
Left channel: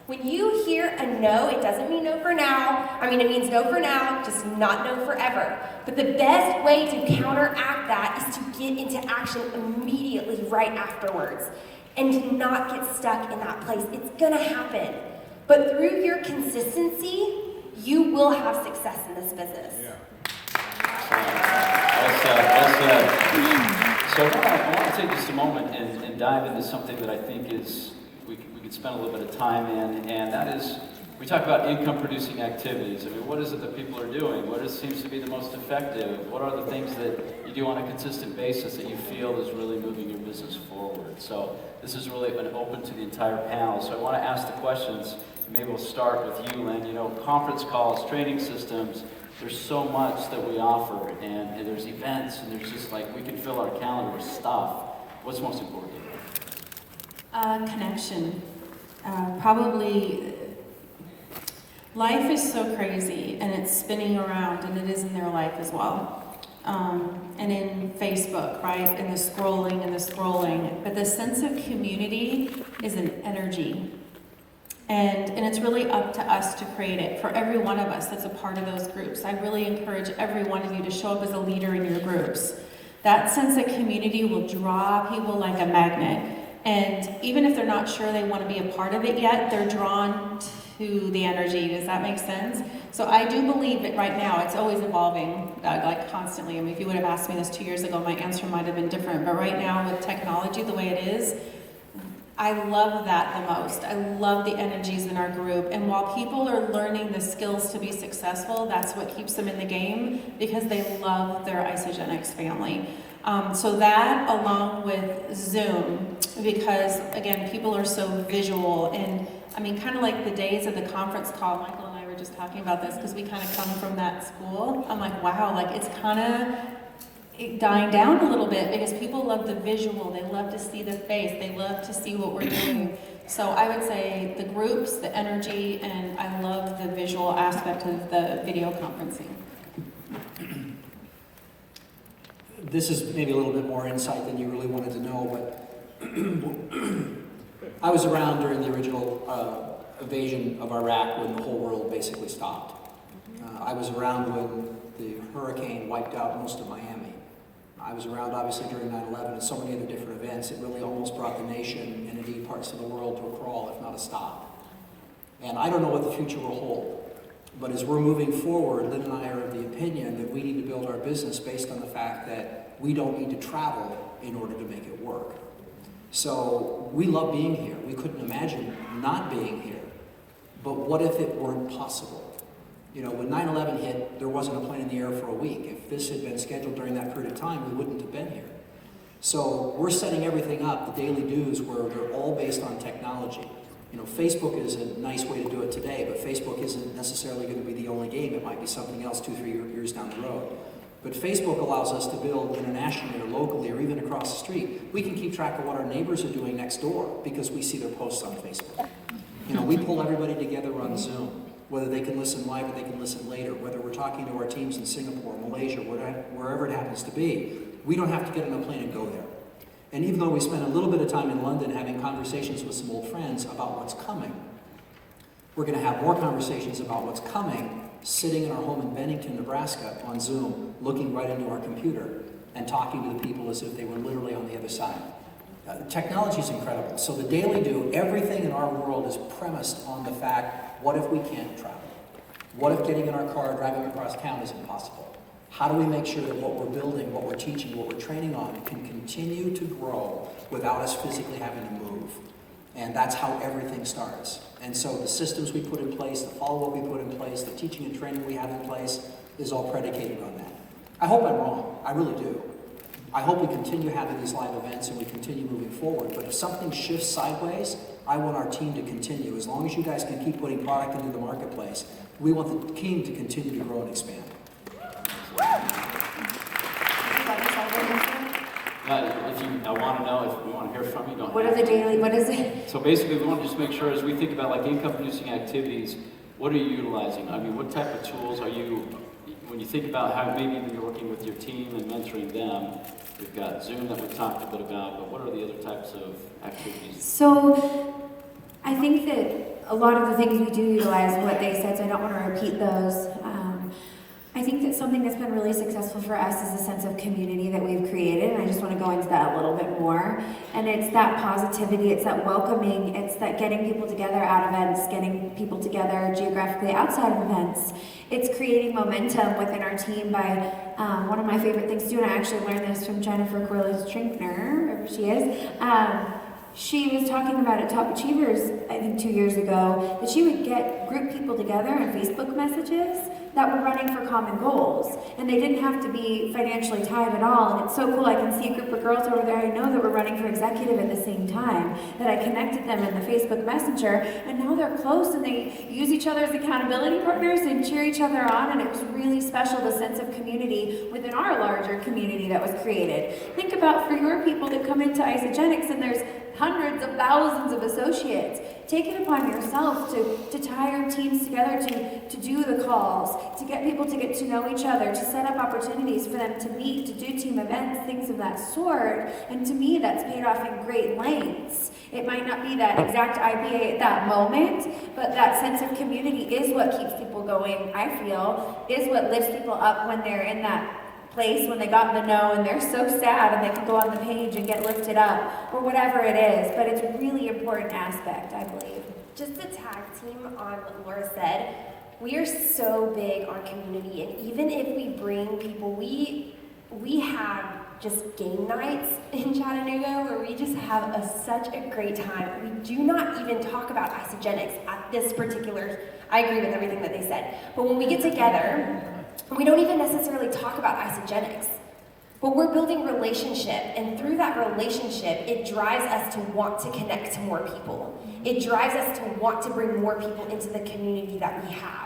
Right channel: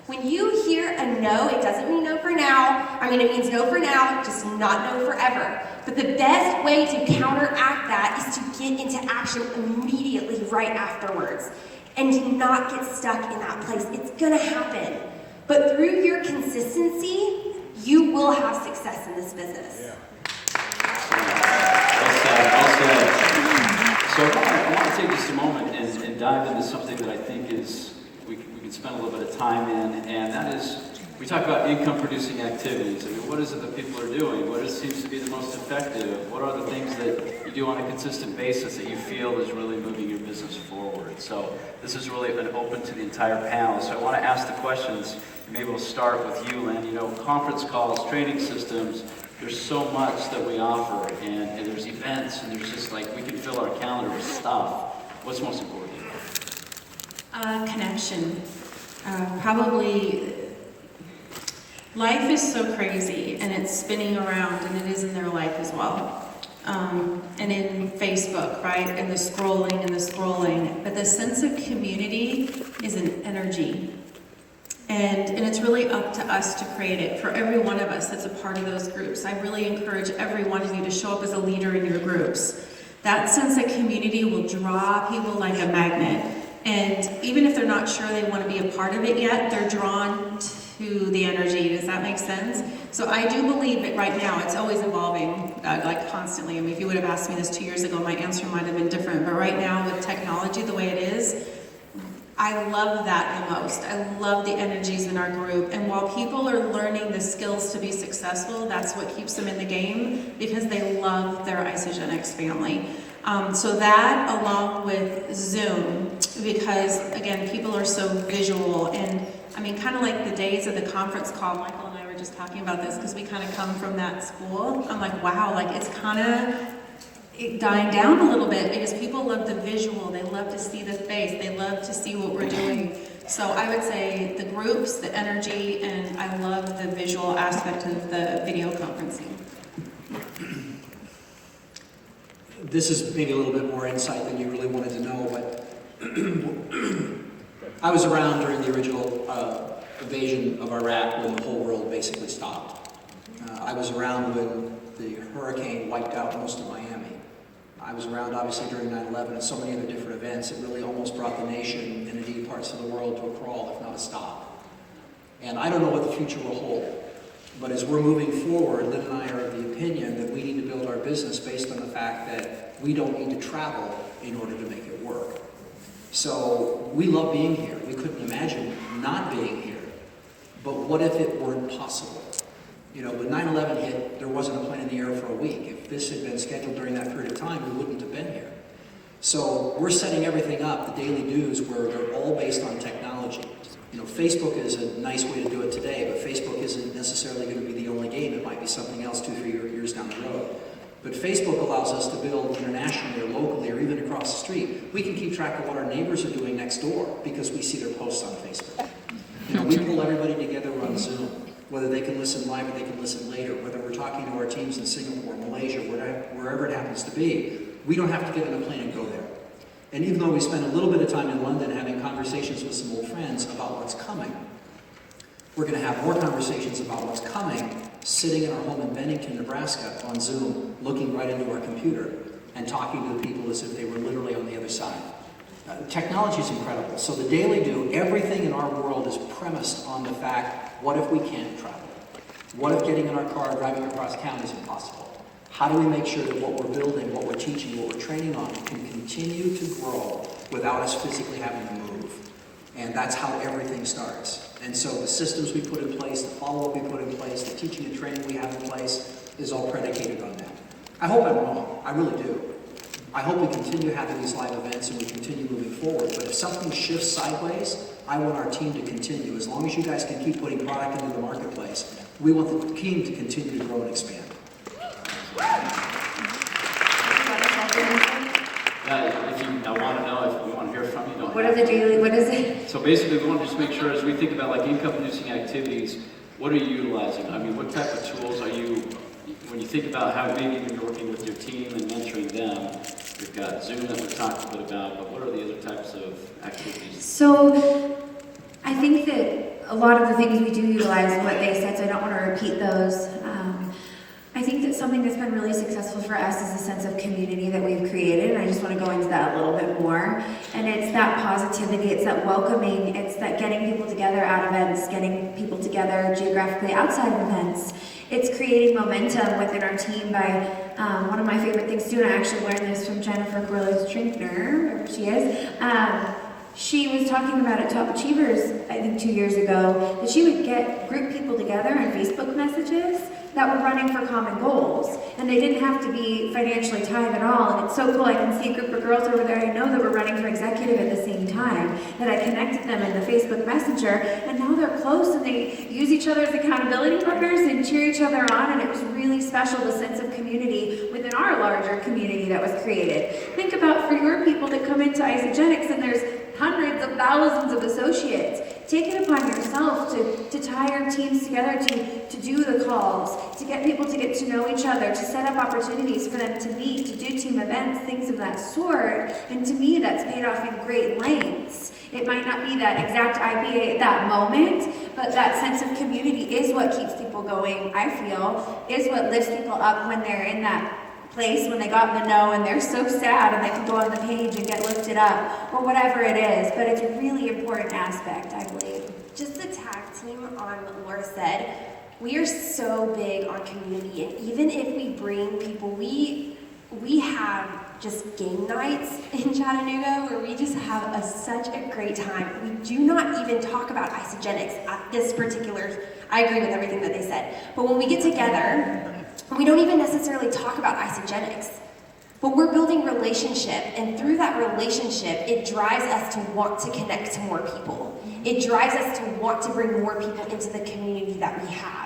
When you hear a no, it doesn't mean no for now. It means no for now, just not no forever. But the best way to counteract that is to get into action immediately right afterwards. And do not get stuck in that place. It's gonna happen. But through your consistency, you will have success in this business. So I want to take just a moment and dive into something that I think is we could spend a little bit of time in, and that is, we talk about income-producing activities. What is it that people are doing? What seems to be the most effective? What are the things that you do on a consistent basis that you feel is really moving your business forward? So this is really open to the entire panel. So I want to ask the questions. Maybe we'll start with you, Lynn. Conference calls, training systems, there's so much that we offer, and there's events, and there's just we can fill our calendar with stuff. What's most important? Connection. Probably, life is so crazy, and it's spinning around, and it is in their life as well. And in Facebook, right, and the scrolling, but the sense of community is an energy. And it's really up to us to create it for every one of us that's a part of those groups. I really encourage every one of you to show up as a leader in your groups. That sense of community will draw people like a magnet. And even if they're not sure they want to be a part of it yet, they're drawn to the energy. Does that make sense? So I do believe that right now it's always evolving, constantly. If you would have asked me this 2 years ago, my answer might have been different. But right now with technology the way it is, I love that the most. I love the energies in our group. And while people are learning the skills to be successful, that's what keeps them in the game, because they love their Isagenix family. So that, along with Zoom, because again, people are so visual, and kind of like the days of the conference call, Michael and I were just talking about this, because we kind of come from that school. I'm like, wow, it's kind of dying down a little bit, because people love the visual, they love to see the face, they love to see what we're doing. So I would say the groups, the energy, and I love the visual aspect of the video conferencing. This is maybe a little bit more insight than you really wanted to know, but I was around during the original invasion of Iraq when the whole world basically stopped. I was around when the hurricane wiped out most of Miami. I was around obviously during 9/11 and so many other different events that really almost brought the nation and indeed parts of the world to a crawl, if not a stop. And I don't know what the future will hold. But as we're moving forward, Lynn and I are of the opinion that we need to build our business based on the fact that we don't need to travel in order to make it work. So we love being here. We couldn't imagine not being here. But what if it weren't possible? You know, when 9/11 hit, there wasn't a plane in the air for a week. If this had been scheduled during that period of time, we wouldn't have been here. So we're setting everything up, the daily do's, where they're all based on technology. You know, Facebook is a nice way to do it today, but Facebook isn't necessarily going to be the only game. It might be something else 2-3 years down the road. But Facebook allows us to build internationally or locally or even across the street. We can keep track of what our neighbors are doing next door because we see their posts on Facebook. You know, we pull everybody together on Zoom, whether they can listen live or they can listen later, whether we're talking to our teams in Singapore, Malaysia, wherever it happens to be. We don't have to get on a plane and go there. And even though we spent a little bit of time in London having conversations with some old friends about what's coming, we're going to have more conversations about what's coming sitting in our home in Bennington, Nebraska on Zoom, looking right into our computer and talking to the people as if they were literally on the other side. Technology is incredible. So the Daily Do, everything in our world is premised on the fact, what if we can't travel? What if getting in our car and driving across town is impossible? How do we make sure that what we're building, what we're teaching, what we're training on can continue to grow without us physically having to move? And that's how everything starts. And so the systems we put in place, the follow-up we put in place, the teaching and training we have in place is all predicated on that. I hope I'm wrong. I really do. I hope we continue having these live events and we continue moving forward. But if something shifts sideways, I want our team to continue. As long as you guys can keep putting product into the marketplace, we want the team to continue to grow and expand. I want to know if we want to hear from you. What are the daily, what is it? So basically, we want to just make sure as we think about like income-producing activities, what are you utilizing? I mean, what type of tools are you, when you think about how maybe you're working with your team and mentoring them, we've got Zoom that we talked a bit about, but what are the other types of activities? So I think that a lot of the things we do utilize what they said, so I don't want to repeat those. I think that something that's been really successful for us is a sense of community that we've created, and I just want to go into that a little bit more. And it's that positivity, it's that welcoming, it's that getting people together at events, getting people together geographically outside of events. It's creating momentum within our team by, one of my favorite things to do, and I actually learned this from Jennifer Grillis-Trinkner, wherever she is. She was talking about at Top Achievers, I think 2 years ago, that she would get group people together in Facebook messages that were running for common goals. And they didn't have to be financially tied at all. And it's so cool, I can see a group of girls over there I know that were running for executive at the same time, that I connected them in the Facebook Messenger, and now they're close and they use each other as accountability partners and cheer each other on, and it was really special, the sense of community within our larger community that was created. Think about for your people that come into Isagenix and there's hundreds of thousands of associates. Take it upon yourself to tie your teams together, to do the calls, to get people to get to know each other, to set up opportunities for them to meet, to do team events, things of that sort. And to me, that's paid off in great lengths. It might not be that exact IPA at that moment, but that sense of community is what keeps people going, I feel, is what lifts people up when they're in that place, when they got in the know and they're so sad and they can go on the page and get lifted up, or whatever it is. But it's a really important aspect, I believe. Just to tag team on what Laura said, we are so big on community, and even if we bring people, we have just game nights in Chattanooga where we just have such a great time. We do not even talk about Isagenix at this particular, I agree with everything that they said, but when we get together, we don't even necessarily talk about Isagenix, but we're building relationship, and through that relationship, it drives us to want to connect to more people. It drives us to want to bring more people into the community that we have.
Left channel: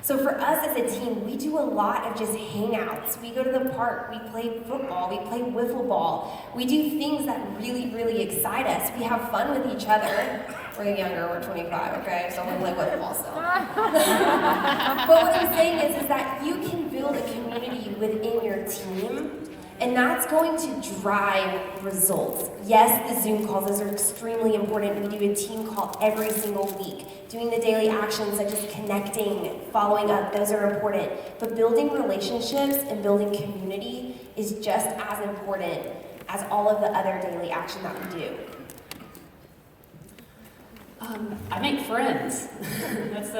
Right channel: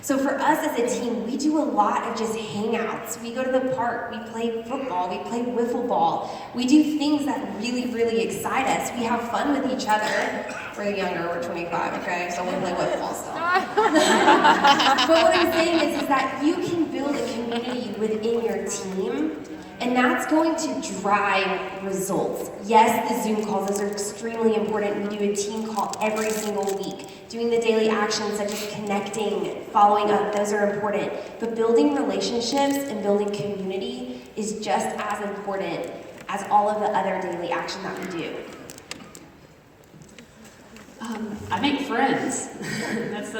So for us as a team, we do a lot of just hangouts. We go to the park, we play football, we play wiffle ball. We do things that really, really excite us. We have fun with each other. We're younger, we're 25, okay? So we play wiffle ball still. But what I'm saying is that you can build a community within your team, and that's going to drive results. Yes, the Zoom calls, those are extremely important. We do a team call every single week. Doing the daily actions such as connecting, following up, those are important. But building relationships and building community is just as important as all of the other daily action that we do. I make friends. that's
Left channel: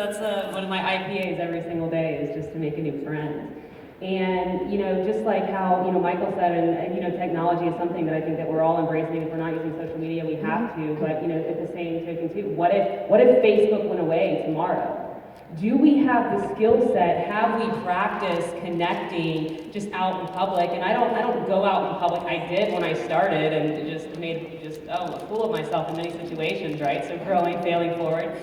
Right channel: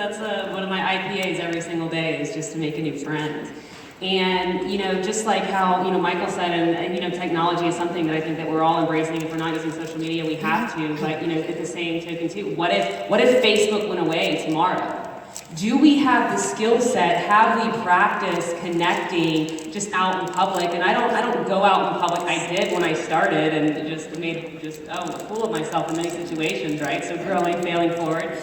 one of my IPAs every single day is just to make a new friend. And, just like how, Michael said, and technology is something that I think that we're all embracing. If we're not using social media, we have to. But, at the same token, too, what if Facebook went away tomorrow? Do we have the skill set? Have we practiced connecting just out in public? And I don't go out in public. I did when I started and just made a fool of myself in many situations, right? So growing, failing forward.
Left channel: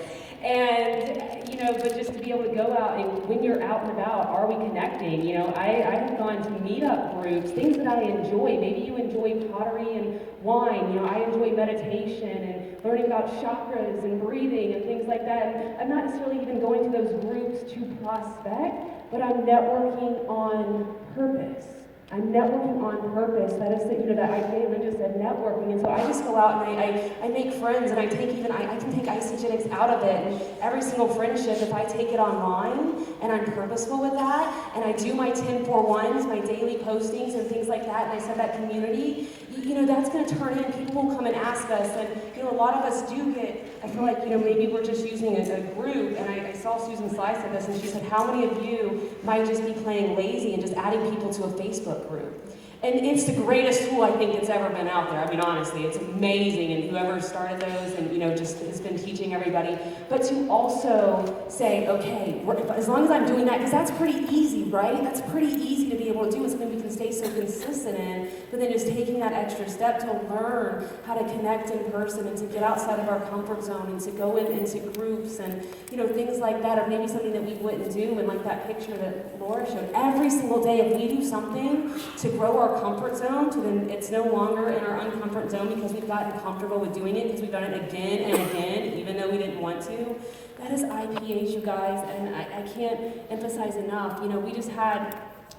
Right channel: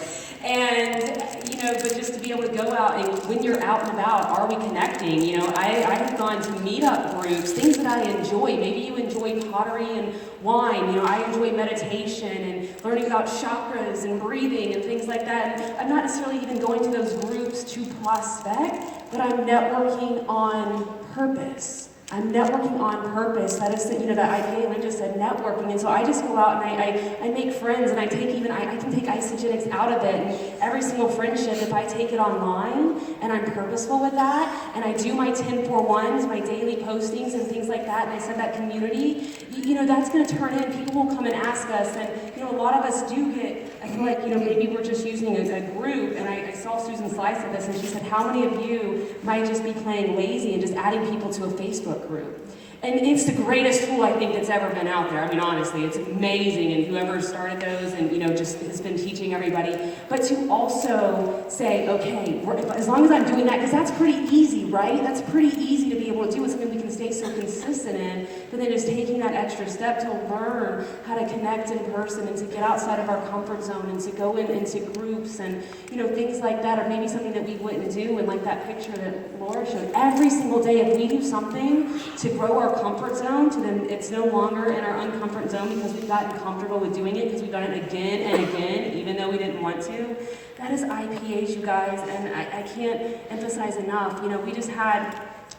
And, but just to be able to go out and when you're out and about, are we connecting? I have gone to meetup groups, things that I enjoy. Maybe you enjoy pottery and wine. I enjoy meditation and learning about chakras and breathing and things like that. And I'm not necessarily even going to those groups to prospect, but I'm networking on purpose. I'm networking on purpose. That is, that IPA, Lynn just said networking. And so I just go out and I make friends, and I can take Isagenix out of it. And every single friendship, if I take it online and I'm purposeful with that, and I do my 10-4-1s, my daily postings and things like that, and I set that community, that's going to turn in. People will come and ask us, and a lot of us do get, I feel like, maybe we're just using a group, and I saw Susan Slice at this, and she said, how many of you might just be playing lazy and just adding people to a Facebook group? And it's the greatest tool I think that's ever been out there. I mean, honestly, it's amazing, and whoever started those and, just has been teaching everybody. But to also say, okay, as long as I'm doing that, because that's pretty easy, right? That's pretty easy to be able to do. It's something we can stay so consistent in. But then just taking that extra step to learn how to connect in person and to get outside of our comfort zone and to go into groups and, things like that, or maybe something that we wouldn't do. And like that picture that Laura showed, every single day, if we do something to grow our comfort zone, to then it's no longer in our uncomfort zone because we've gotten comfortable with doing it, because we've done it again and again, even though we didn't want to. That is IPAs, you guys, and I can't emphasize enough.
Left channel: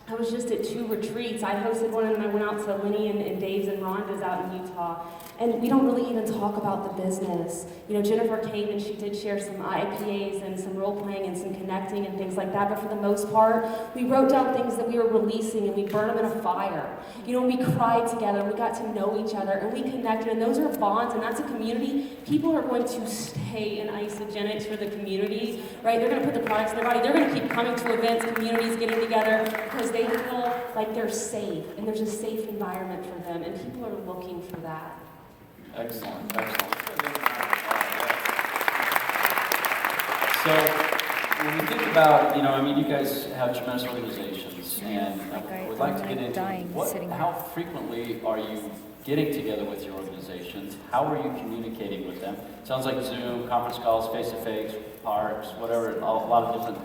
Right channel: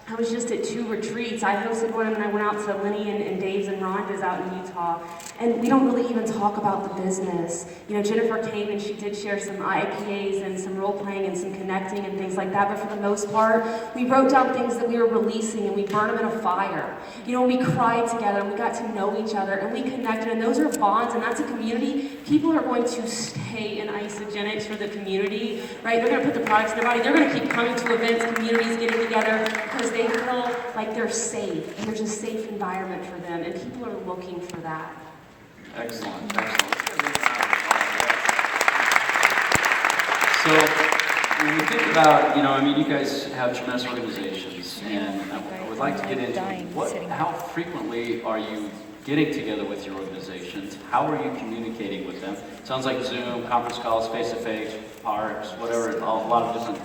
I was just at 2 retreats. I hosted one, and I went out to Lenny and Dave's and Rhonda's out in Utah. And we don't really even talk about the business. Jennifer came and she did share some IPAs and some role-playing and some connecting and things like that. But for the most part, we wrote down things that we were releasing, and we burned them in a fire. We cried together, and we got to know each other, and we connected. And those are bonds, and that's a community. People are going to stay in Isagenix for the community, right? They're going to put the products in their body. They're going to keep coming to events, communities getting together, because they feel like they're safe, and there's a safe environment for them, and people are looking for that. Excellent. So when we think about, you guys have tremendous organizations, and I would like to get into how frequently are you getting together with your organizations? How are you communicating with them? Sounds like Zoom, conference calls, face-to-face, parks, whatever, a lot of different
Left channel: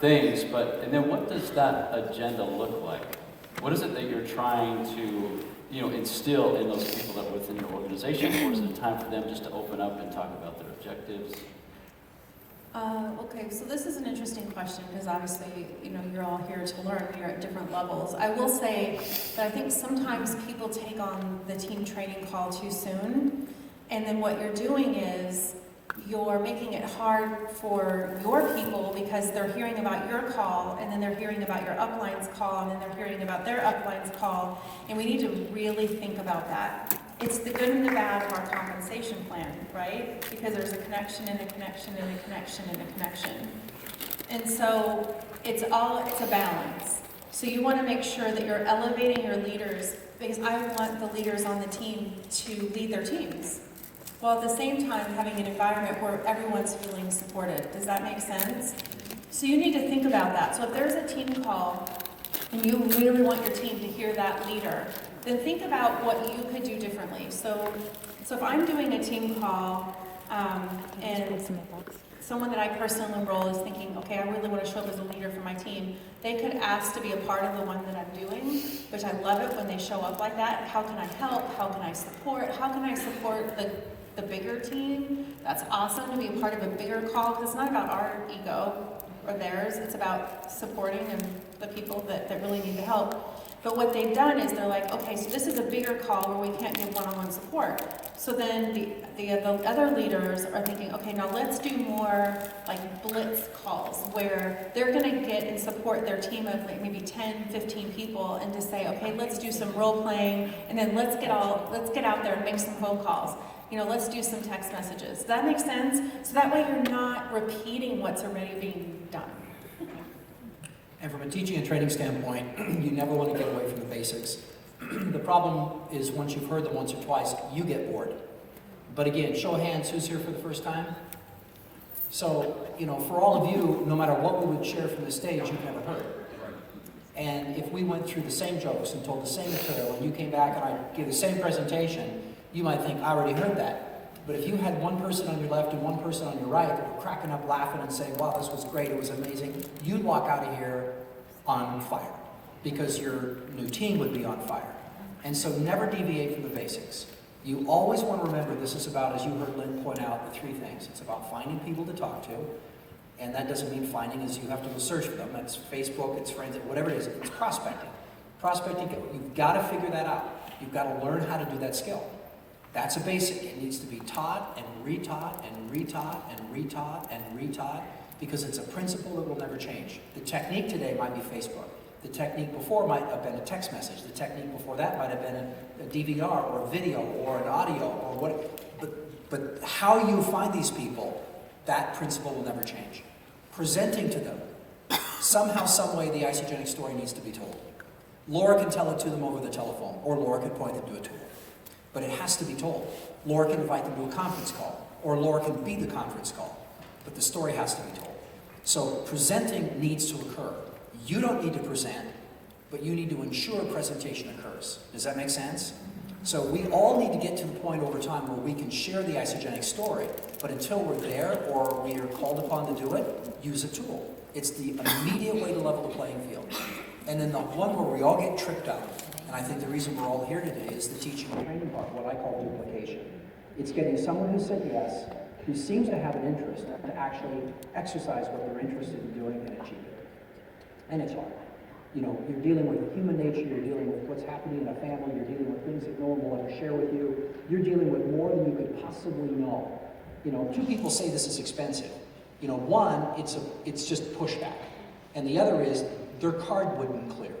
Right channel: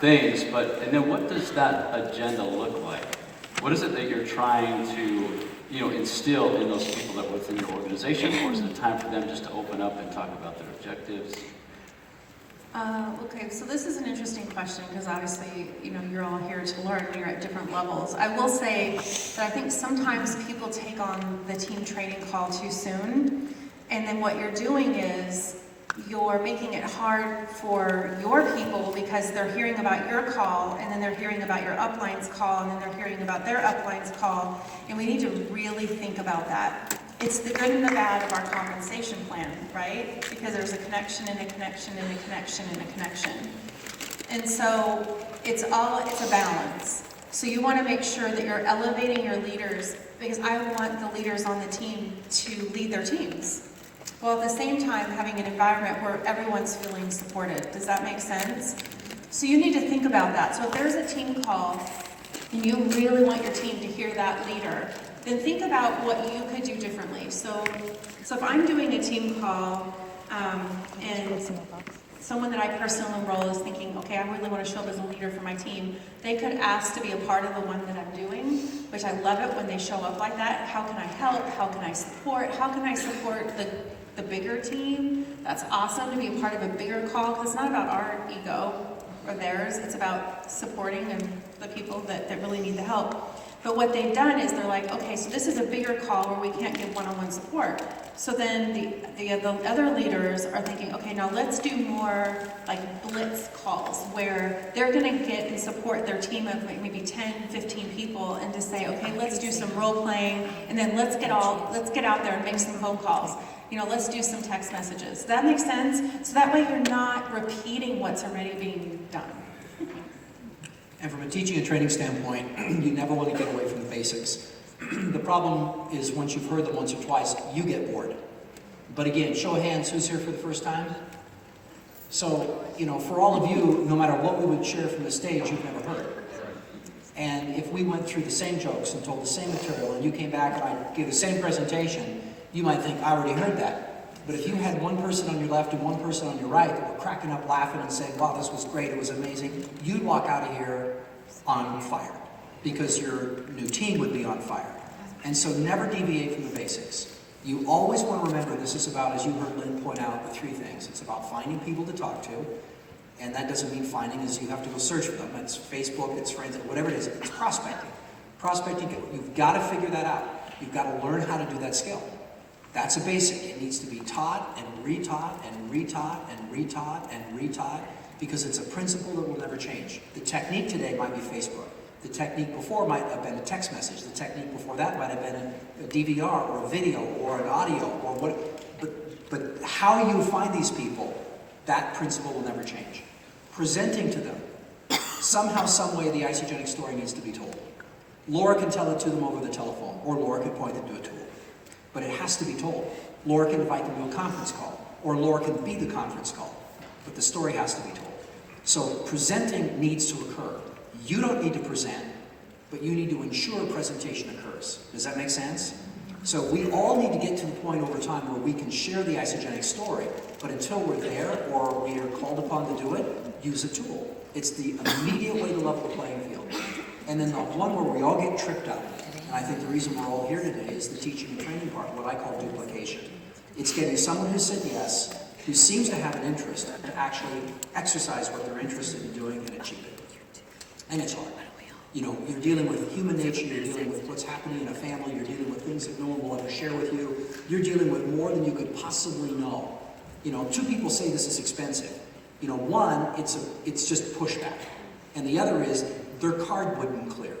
things, and then what does that agenda look like? What is it that you're trying to, instill in those people that are within your organization, or is it time for them just to open up and talk about their objectives? Okay, so this is an interesting question because obviously, you're all here to learn. You're at different levels. I will say that I think sometimes people take on the team training call too soon, and then what you're doing is you're making it hard for your people because they're hearing about your call, and then they're hearing about your upline's call, and then they're hearing about their upline's call, and we need to really think about that. It's the good and the bad of our compensation plan, right? Because there's a connection and a connection and a connection and a connection. And so it's a balance. So you want to make sure that you're elevating your leaders, because I want the leaders on the team to lead their teams. While at the same time having an environment where everyone's feeling supported. Does that make sense? So you need to think about that. So if there's a team call and you really want your team to hear that leader, then think about what you could do differently. So if I'm doing a team call and someone that I personally enroll is thinking, okay, I really want to show up as a leader for my team, they could ask to be a part of the one that I'm doing, which I love it when they show up like that. How can I help? How can I support? How can I support the bigger team? That's awesome to be a part of a bigger call, because it's not about our ego or theirs. It's about supporting and the people that really need the help. But what they've done is they're like, okay, so this is a bigger call where we can't give one-on-one support. So then the other leaders are thinking, okay, now let's do more like blitz calls where they're going to get and support their team of maybe 10, 15 people, and to say, okay, let's do some role playing, and then let's get out there and make some phone calls. let's do some text messages. Does that make sense? So that way you're not repeating what's already being done. And from a teaching and training standpoint, you never want to get away from the basics. The problem is once you've heard them once or twice, you get bored. But again, show of hands, who's here for the first time? So, for all of you, no matter what we would share from the stage, you've never heard. And if we went through the same jokes and told the same material, and you came back and I gave the same presentation, you might think, I already heard that. But if you had one person on your left and one person on your right that were cracking up laughing and saying, wow, this was great, it was amazing, you'd walk out of here on fire because your new team would be on fire. And so never deviate from the basics. You always want to remember this is about, as you heard Lynn point out, the three things. It's about finding people to talk to, and that doesn't mean finding as you have to go search for them. It's Facebook, it's friends, whatever it is. It's prospecting. Prospecting, you've got to figure that out. You've got to learn how to do that skill. That's a basic. It needs to be taught and retaught and retaught and retaught and retaught because it's a principle that will never change. The technique today might be Facebook. The technique before might have been a text message. The technique before that might have been a DVR or a video or an audio or what. But how you find these people, that principle will never change. Presenting to them, somehow, some way, the Isogenic story needs to be told. Laura can tell it to them over the telephone, or Laura can point them to a tool. But it has to be told. Laura can invite them to a conference call, or Laura can be the conference call. But the story has to be told. So presenting needs to occur. You don't need to present, but you need to ensure presentation occurs. Does that make sense? So we all need to get to the point over time where we can share the Isogenic story, but until we're there or we are called upon to do it, use a tool. It's the immediate way to level the playing field. And then the one where we all get tripped up, and I think the reason we're all here today is the teaching and training part, what I call duplication. It's getting someone who said yes, who seems to have an interest, to actually exercise what they're interested in doing and achieve it. And it's hard. You're dealing with human nature, you're dealing with what's happening in a family, you're dealing with things that no one will ever share with you. You're dealing with more than you could possibly know. Two people say this is expensive. One, it's just pushback. And the other is, their card wouldn't clear.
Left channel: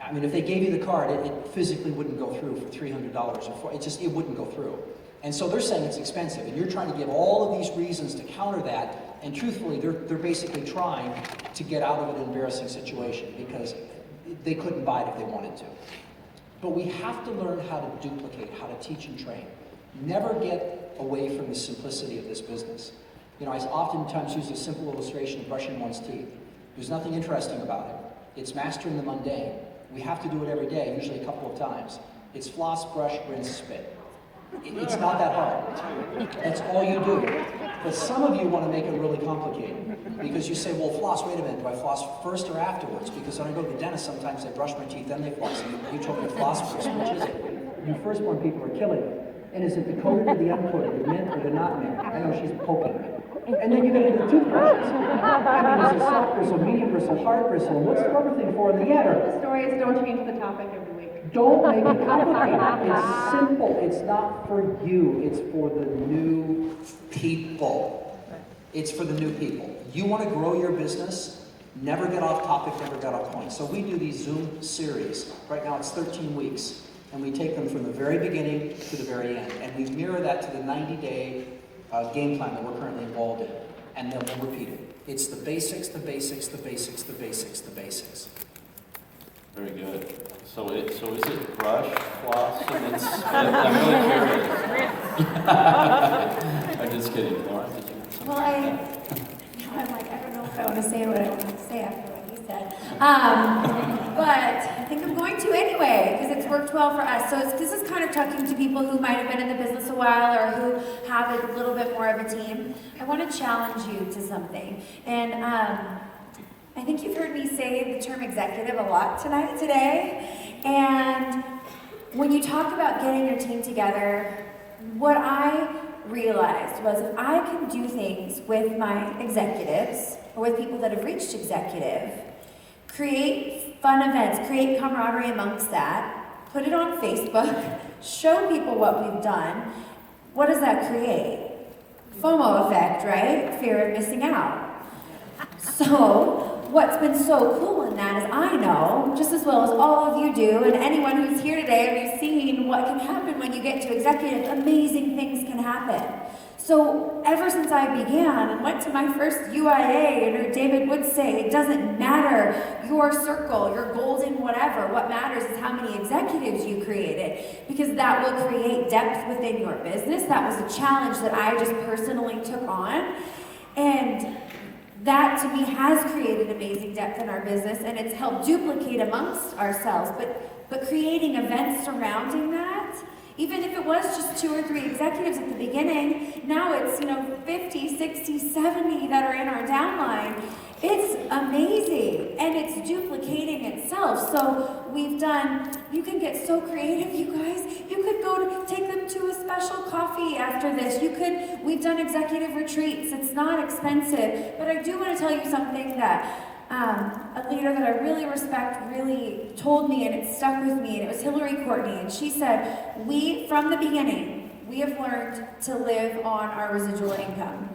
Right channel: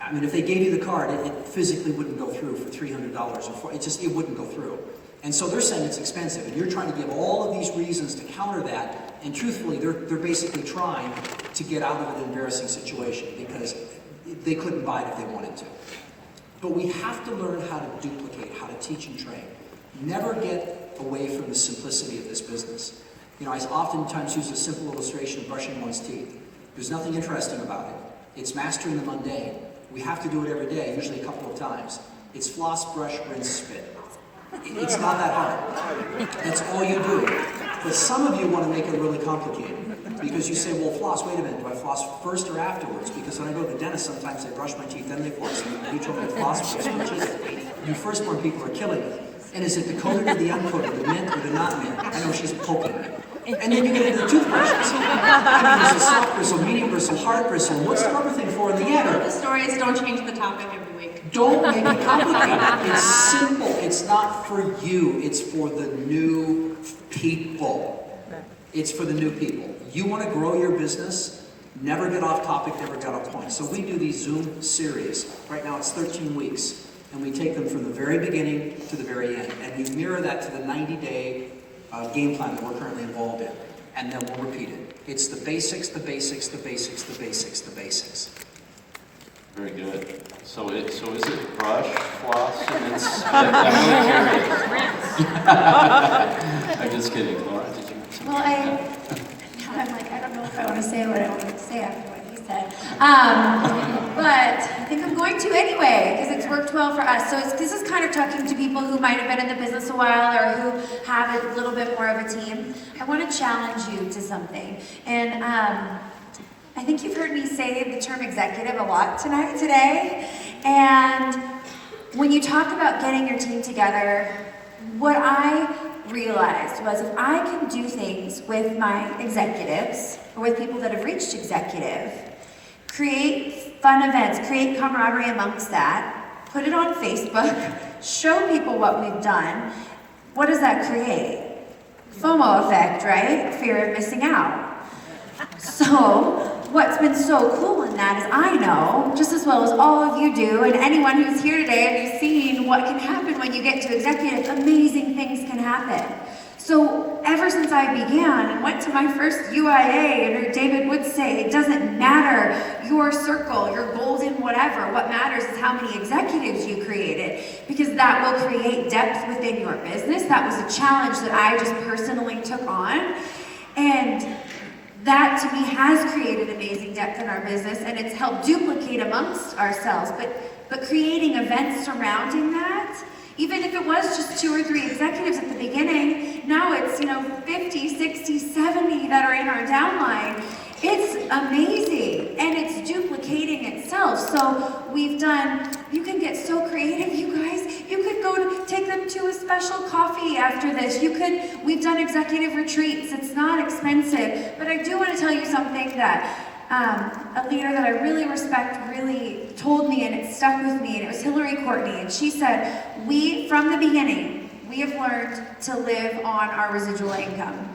I mean, if they gave you the card, it physically wouldn't go through for $300 or it wouldn't go through. And so they're saying it's expensive, and you're trying to give all of these reasons to counter that, and truthfully, they're basically trying to get out of an embarrassing situation because they couldn't buy it if they wanted to. But we have to learn how to duplicate, how to teach and train. Never get away from the simplicity of this business. I oftentimes use a simple illustration of brushing one's teeth. There's nothing interesting about it. It's mastering the mundane. We have to do it every day, usually a couple of times. It's floss, brush, rinse, spit. It's not that hard. That's all you do. But some of you want to make it really complicated because you say, well, floss, wait a minute, do I floss first or afterwards? Because when I go to the dentist, sometimes they brush my teeth, then they floss. And you told me to floss first. Which is it? You firstborn people are killing me. And is it the coated or the uncoated, the mint or the not mint? I know she's poking me. And then you get into the toothbrushes. There's a soft bristle, medium bristle, hard bristle. What's the rubber thing for in the end? The stories don't change the topic every week. Don't make it complicated. It's simple. It's not for you. It's for the new people. It's for the new people. You want to grow your business? Never get off topic, never get off point. So we do these Zoom series. Right now it's 13 weeks. And we take them from the very beginning to the very end. And we mirror that to the 90-day game plan that we're currently involved in. And then we'll repeat it. It's the basics, the basics, the basics, the basics, the basics. Very good. So is it brush, floss, and it's... I'm really curious. I'm just kidding. Laura, did you have something? Well, I'm like, I don't know if I want to say what I wanted to say after what he said. But I think I'm going to anyway, because it's worked well for us. So this is kind of talking to people who might have been in the business a while or who have a little bit more of a team. I want to challenge you to something. And I think you've heard me say the term executive a lot today. And when you talk about getting your team together, what I realized was if I can do things with my executives or with people that have reached executive, create fun events, create camaraderie amongst that, put it on Facebook, show people what we've done, what does that create? FOMO effect, right? Fear of missing out. So what's been so cool in that is I know, just as well as all of you do, and anyone who's here today, have you seen what can happen when you get to executive? Amazing things can happen. So ever since I began and went to my first UIA, and David would say, it doesn't matter your circle, your golden whatever. What matters is how many executives you created, because that will create depth within your business. That was a challenge that I just personally took on. And that to me has created amazing depth in our business, and it's helped duplicate amongst ourselves. But creating events surrounding that, even if it was just 2 or 3 executives at the beginning, now it's 50, 60, 70 that are in our downline. It's amazing, and it's duplicating itself. So we've done, you can get so creative, you guys. You could go take them to a special coffee after this. We've done executive retreats. It's not expensive. But I do want to tell you something that a leader that I really respect really told me, and it stuck with me, and it was Hillary Courtney. And she said, from the beginning, we have learned to live on our residual income.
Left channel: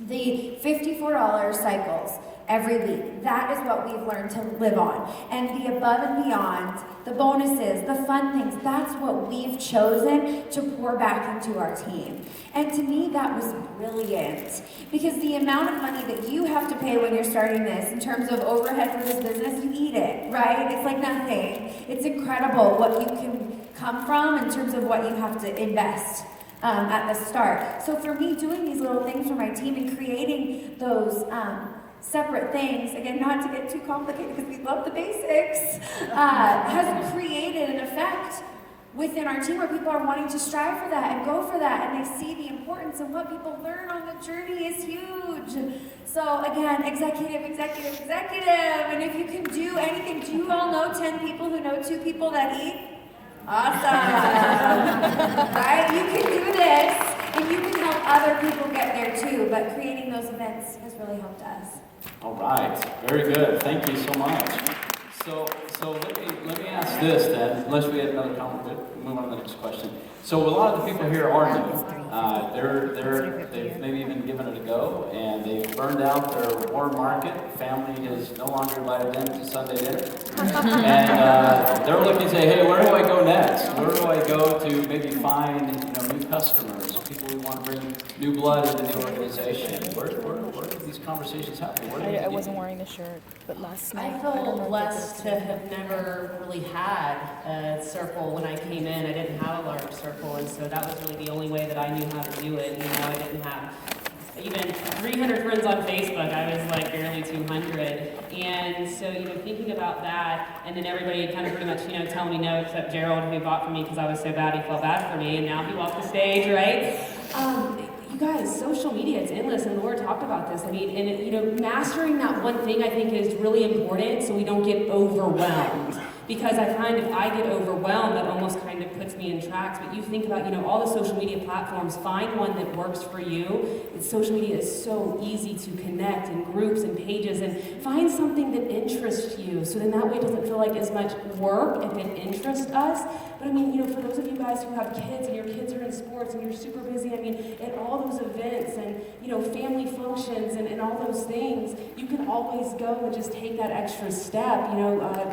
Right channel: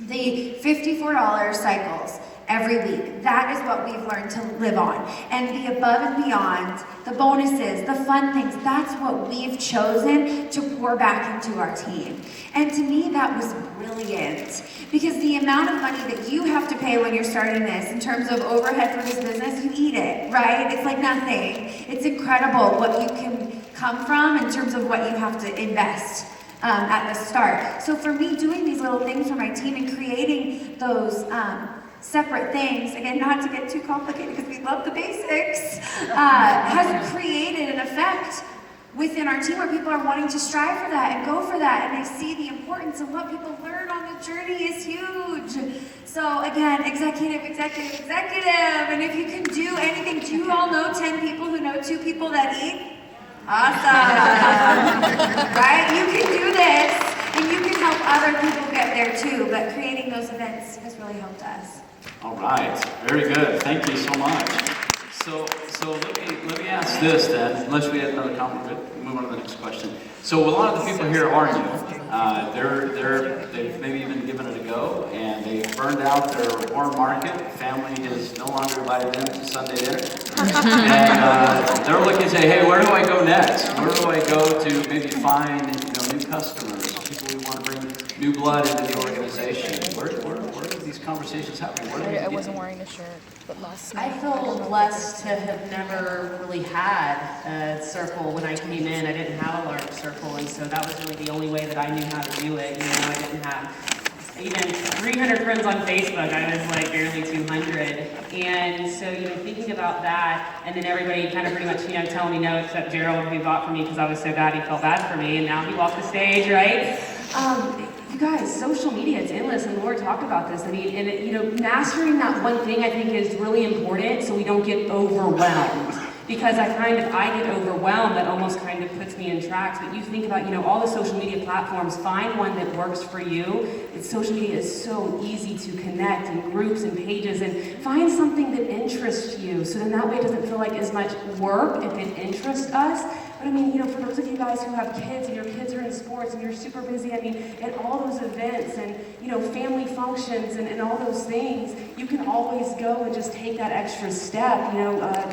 The $54 cycles every week, that is what we've learned to live on. And the above and beyond, the bonuses, the fun things, that's what we've chosen to pour back into our team. And to me, that was brilliant, because the amount of money that you have to pay when you're starting this in terms of overhead for this business, you eat it, right? It's like nothing. It's incredible what you can come from in terms of what you have to invest at the start. So for me, doing these little things for my team and creating those separate things, again, not to get too complicated because we love the basics, has created an effect within our team where people are wanting to strive for that and go for that, and they see the importance of what people learn on the journey is huge. So again, executive, and if you can do anything, do you all know 10 people who know 2 people that eat? Awesome, right? You can do this, and you can help other people get there too, but creating those events has really helped us. All right, very good. Thank you so much. So let me ask this then, unless we have another comment, we'll move on to the next question. So a lot of the people here are new. They've maybe even given it a go, and they've burned out their warm market. Family has no longer invited them to Sunday dinner. And they're looking to say, hey, where do I go next? Where do I go to maybe find new customers, people who want to bring new blood into the organization? Where are these conversations happening? I wasn't wearing a shirt, but last night. I feel blessed to have never really had a circle when I came in. I didn't have a large circle, and so that was really the only way that I knew how to do it. I didn't have even 300 friends on Facebook. I was like barely 200. And so, thinking about that, and then everybody kind of pretty much, telling me no, except Gerald, who bought for me because I was so bad, he felt bad for me, and now he walked the stage, right? You guys, social media, it's endless, and Laura talked about this. Mastering that one thing I think is really important so we don't get overwhelmed. Because I find if I get overwhelmed, that almost kind of puts me in tracks. But you think about, all the social media platforms, find one that works for you. Social media is so easy to connect in groups and pages, and find something that interests you. So then that way it doesn't feel like as much work if it interests us. But for those of you guys who have kids and your kids are in sports and you're super busy, at all those events and, family functions and all those things, you can always go and just take that extra step,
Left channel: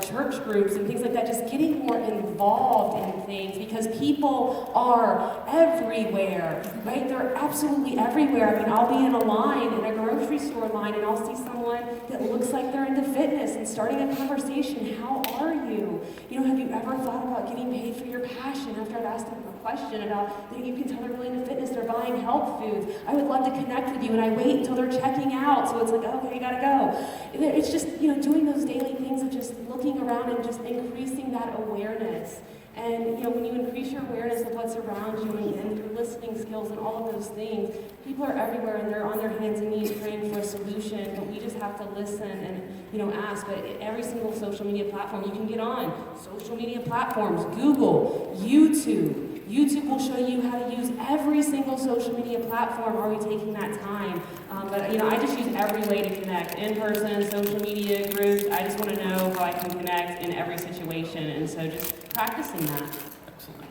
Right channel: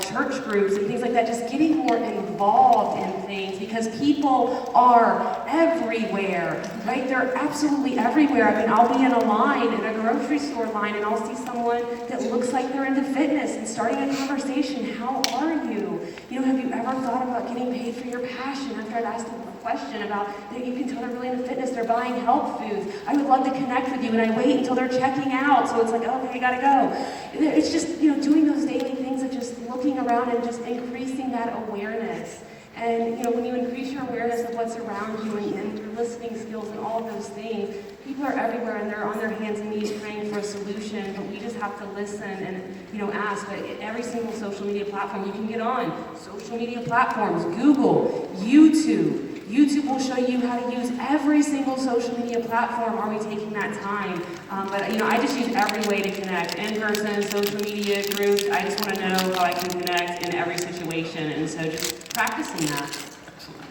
church groups and things like that, just getting more involved in things, because people are everywhere, right? They're absolutely everywhere. I'll be in a line, in a grocery store line, and I'll see someone that looks like they're into fitness and starting a conversation. How are you? Have you ever thought about getting paid for your passion? After I'd asked them a question about that, you can tell they're really into fitness, they're buying health foods. I would love to connect with you, and I wait until they're checking out, so it's like, okay, we gotta go. It's just, doing those daily things of just looking around and just increasing that awareness. And when you increase your awareness of what's around you and your listening skills and all of those things, people are everywhere and they're on their hands and knees praying for a solution, but we just have to listen and ask. But every single social media platform you can get on, social media platforms, Google, YouTube. YouTube will show you how to use every single social media platform. Are we taking that time? But I just use every way to connect, in person, social media groups. I just want to know how I can connect in every situation, and so just practicing that. Excellent.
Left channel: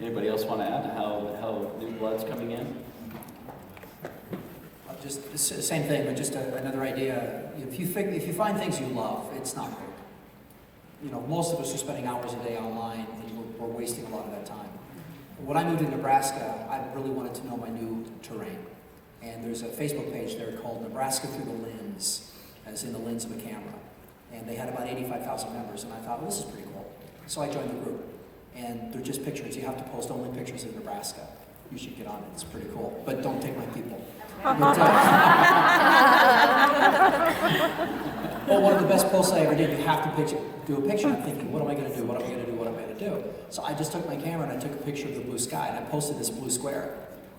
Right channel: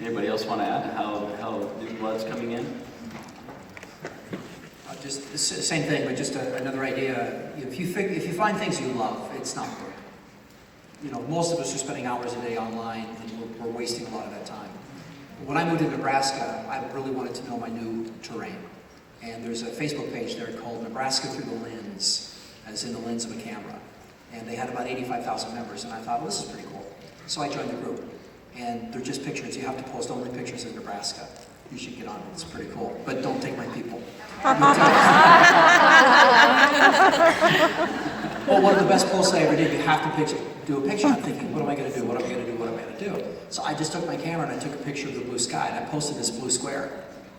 Anybody else want to add how new blood's coming in? Just the same thing, but just another idea. if you find things you love, it's not work. You know, most of us are spending hours a day online, and we're wasting a lot of that time. When I moved to Nebraska, I really wanted to know my new terrain. And there's a Facebook page there called Nebraska Through the Lens, as in the lens of a camera. And they had about 85,000 members, and I thought, well, this is pretty cool. So I joined the group. And they're just pictures. You have to post only pictures of Nebraska. You should get on it. It's pretty cool. But don't take my people. Well, one of the best posts I ever did, you have to do a picture. I'm thinking, what am I going to do? What am I going to do? What am I going to do? So I just took my camera and I took a picture of the blue sky, and I posted this blue square.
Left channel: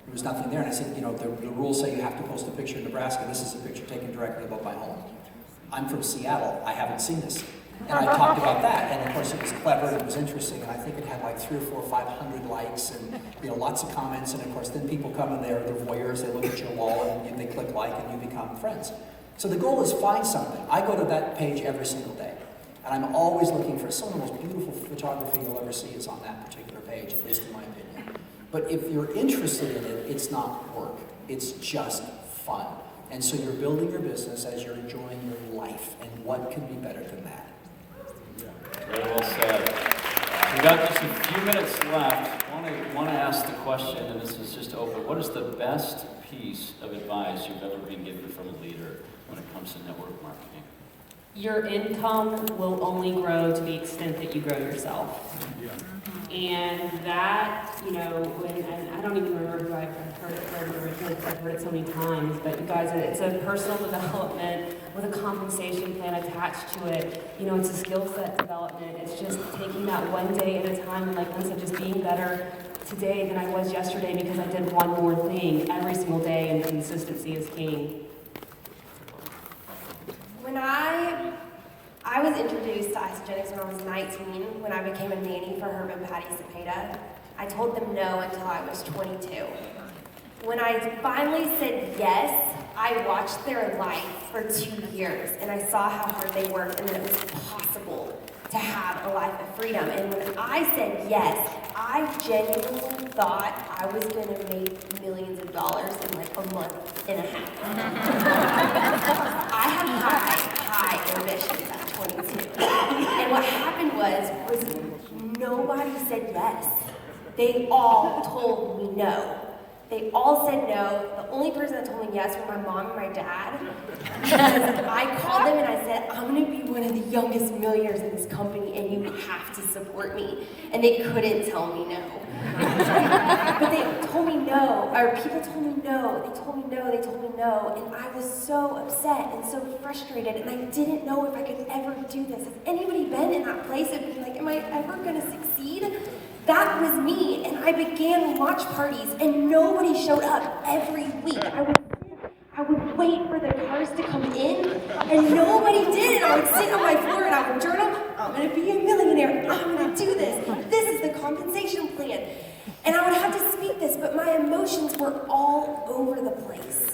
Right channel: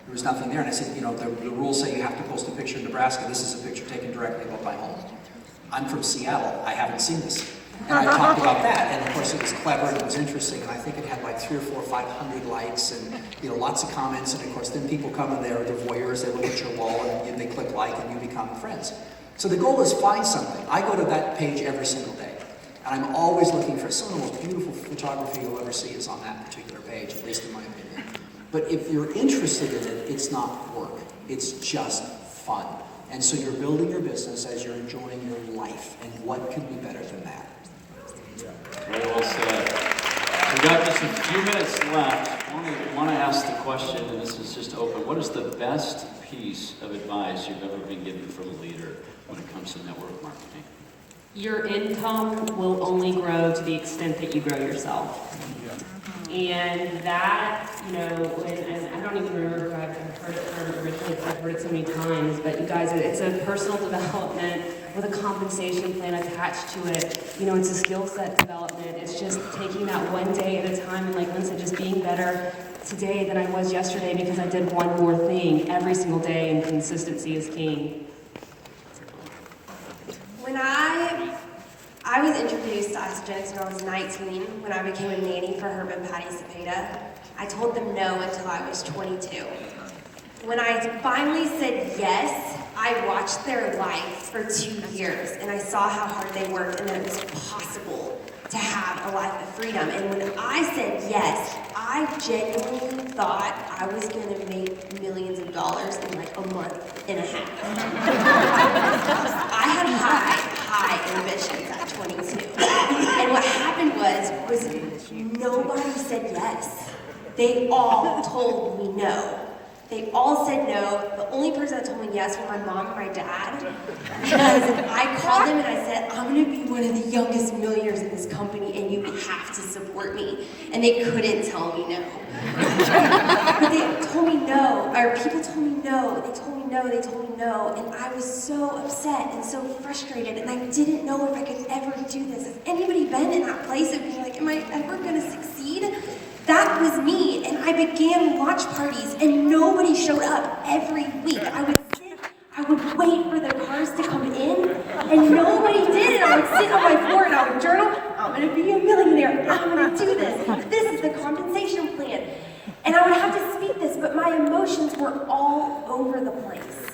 There was nothing there, and I said, you know, the rules say you have to post a picture of Nebraska. This is a picture taken directly above my home. I'm from Seattle. I haven't seen this. And I talked about that, and of course it was clever and it was interesting, and I think it had like 300 or 400 or 500 likes, and you know, lots of comments, and of course then people come and they're voyeurs, they look at your wall, and they click like, and you become friends. So the goal is find something. I go to that page every single day, and I'm always looking for some of the most beautiful photography you'll ever see is on that particular page, at least in my opinion. But if you're interested in it, it's not work. It's just fun. And so you're building your business as you're enjoying your life, and what could be better than that? Very well said. We've got just a few minutes left. I want to ask the question, and this is just open. What is the best piece of advice you've ever been given from a leader when it comes to network marketing? Your income will only grow to the extent that you grow yourself. And that, you know, and I don't even remember who I've heard it from originally, because I've heard it so many times, but you guys, it's a personal development with a compensation plan attached to it. You know, it's a skill set development. It's just taking that one day at a time, and like Lynn said, just being better today than I was yesterday because I did one more thing every single day, and consistency is king. When I was introduced to Isagenix when I was 19, when I became a nanny for Herb and Patty Cepeda. I told them no until I was 22. When I finally said yes, I watched their life for 2 years, and I saw how hard they worked and that it was possible to have a life of freedom. And when I said yes, I genuinely thought I was going to make millions of dollars in like a month and a half. I had high ambitions at 22. And what happened was nobody said yes. They all told me no. They all said no. The only person that told me yes were my mom and my dad. Because I called them and I said, I'm going to be one of the youngest millionaires in this company and you have to support me. And they couldn't tell me no. But they told me no, or people told me no. They told me no, they told me no. And I was so upset and so frustrated, and I didn't know if I could ever do this. Has anybody been in that place of being like, am I ever going to succeed? That was me, and I began watch parties, and nobody showed up every week. I would wait for the cars to come in, and nobody did, and I would sit on my floor and I would journal, I'm gonna be a millionaire, I'm gonna do this, this is the compensation plan. And I would have to speak this, but my emotions were all over the place.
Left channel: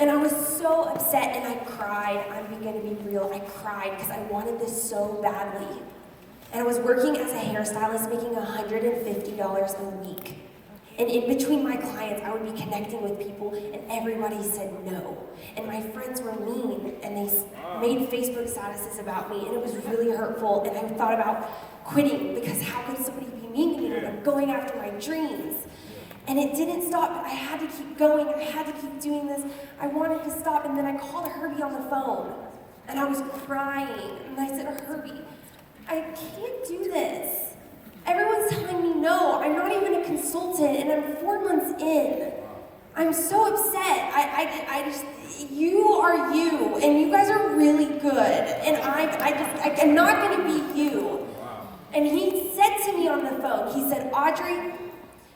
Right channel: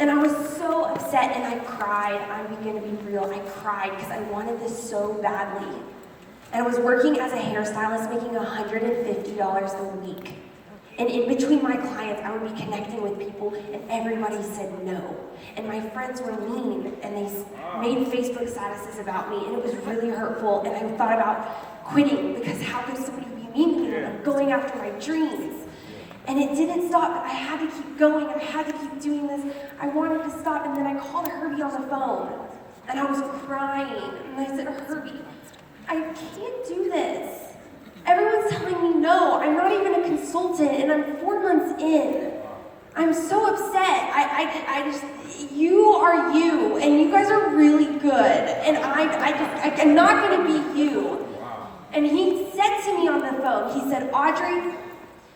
And I was so upset, and I cried. I'm gonna be real, I cried because I wanted this so badly. And I was working as a hairstylist, making $150 a week. And in between my clients, I would be connecting with people, and everybody said no. And my friends were mean, and they made Facebook statuses about me, and it was really hurtful. And I thought about quitting, because how could somebody be mean to me when I'm going after my dreams? And it didn't stop, but I had to keep going, I had to keep doing this. I wanted to stop, and then I called Herbie on the phone, and I was crying, and I said, Herbie, I can't do this. Everyone's telling me no. I'm not even a consultant, and I'm 4 months in. I'm so upset. I just, you are you, and you guys are really good, and I'm not gonna be you. And he said to me on the phone, he said, Audrey,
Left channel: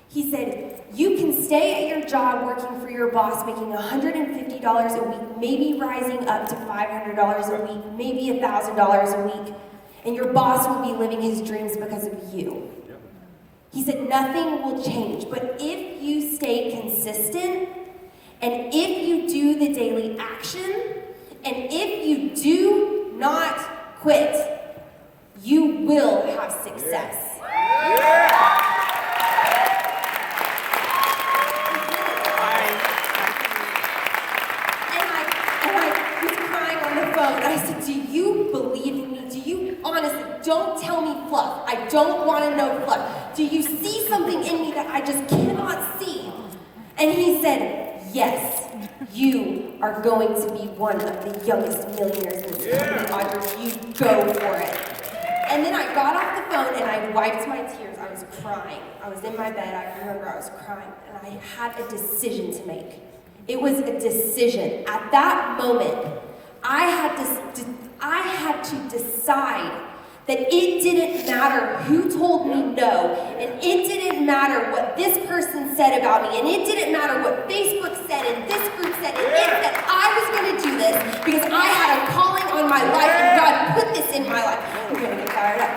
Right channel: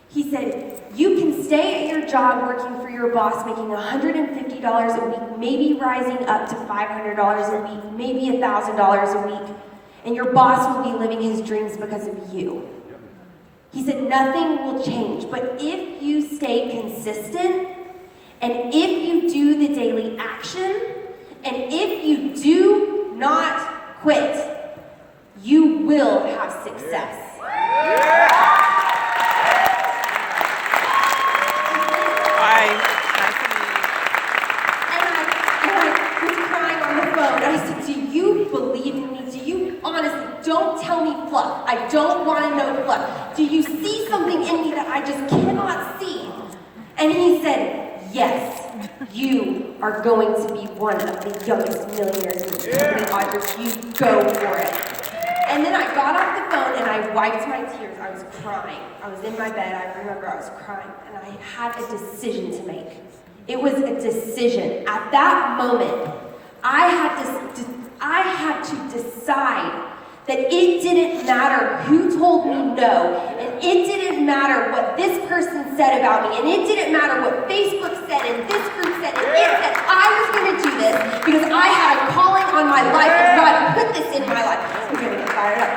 he said, you can stay at your job working for your boss, making $150 a week, maybe rising up to $500 a week, maybe $1,000 a week. And your boss will be living his dreams because of you. He said, nothing will change, but if you stay consistent, and if you do the daily action, and if you do not quit, you will have success. And I was crying on the phone. don't tell me fluff. I don't want to know fluff. Do you see something in me that I just cannot see? And he said, yes, you are going to be one of the youngest millionaires in this company, Audrey. You go for it. And then I got off the phone and I wiped my tears. I was crying. I was in my bed. I remember I was crying. And I had a decision to make. It was a decision. At that moment, I had to decide that it didn't matter who told me no, and it didn't matter what this person said about me, and it didn't matter what Facebook said, and this group said, and it said. I was going to do this because I had a calling on my life, and God put this in my life. I'm going to get fired up.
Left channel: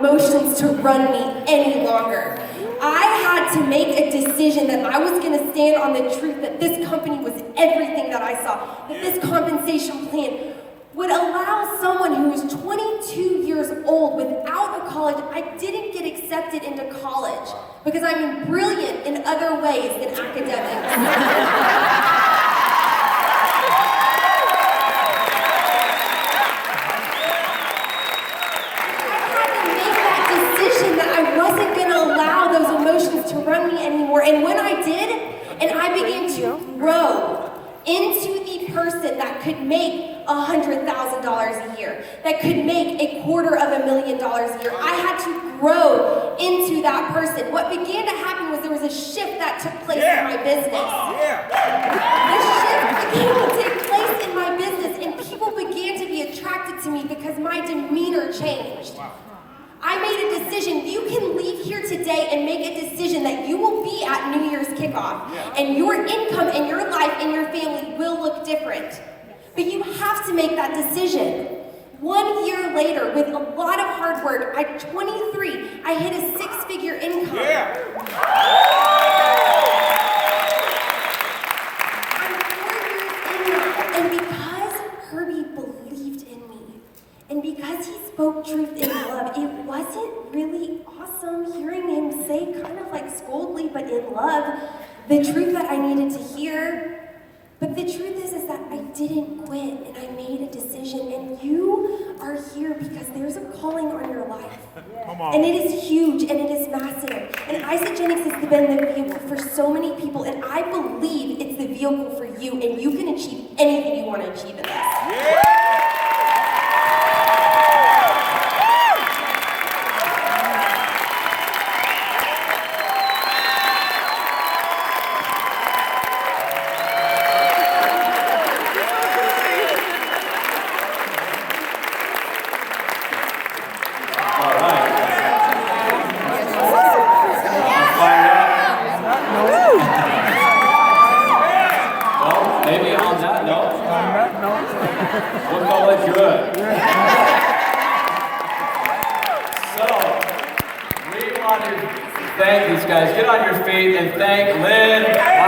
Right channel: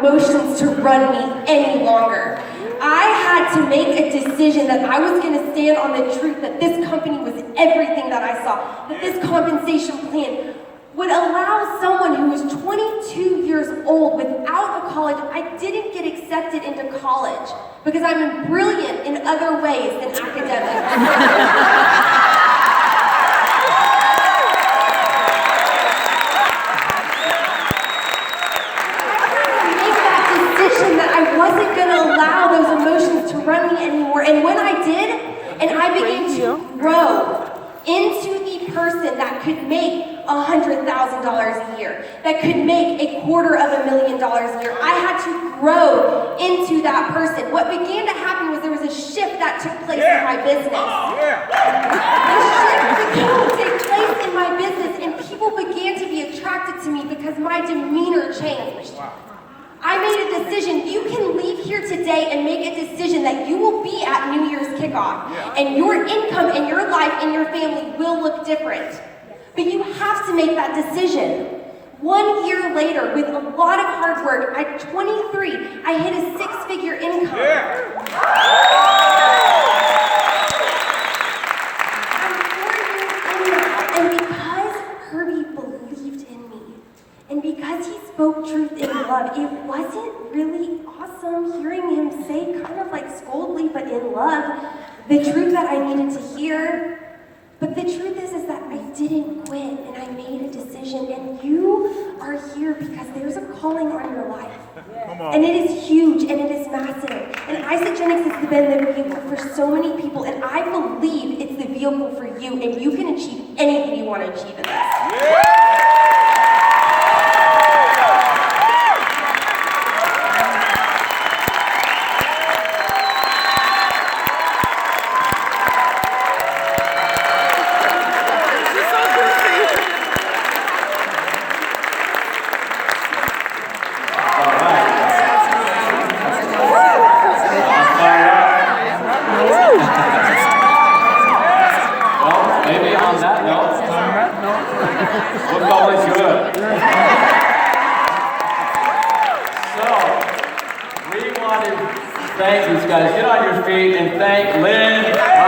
Emotions to run me any longer. I had to make a decision that I was going to stand on the truth that this company was everything that I saw, that this compensation plan would allow someone who was 22 years old without a college. I didn't get accepted into college because I'm brilliant in other ways than academics. And when I did, and I began to grow into the person that could make $100,000 a year, that could make $250,000 a year, I had to grow into that person. What began to happen was there was a shift that took place in my business. The shift began to take place in my business, and people began to be attracted to me because my demeanor changed. I made a decision. You can leave here today and make a decision that you will be at New Year's kickoff. And your income and your life and your family will look different. But you have to make that decision. 1 year later, with a lot of hard work, at 23, I hit a 6-figure income. I'm 4 years in now, and because Herbie believed in me, and because he spoke truth in love, it wasn't really awesome hearing him say, kind of like scoldly, but in love, the truth that I needed to hear. But the truth is that I didn't quit, and I made a decision, and you are here because there's a calling on your life. And it is huge, and it is massive. And Isagenix has been the vehicle for so many people, and I believe it's the vehicle for you, and you can achieve anything you want to achieve in this. We'll call it good. So, we want to thank these guys. Get on your feet and thank Lynn.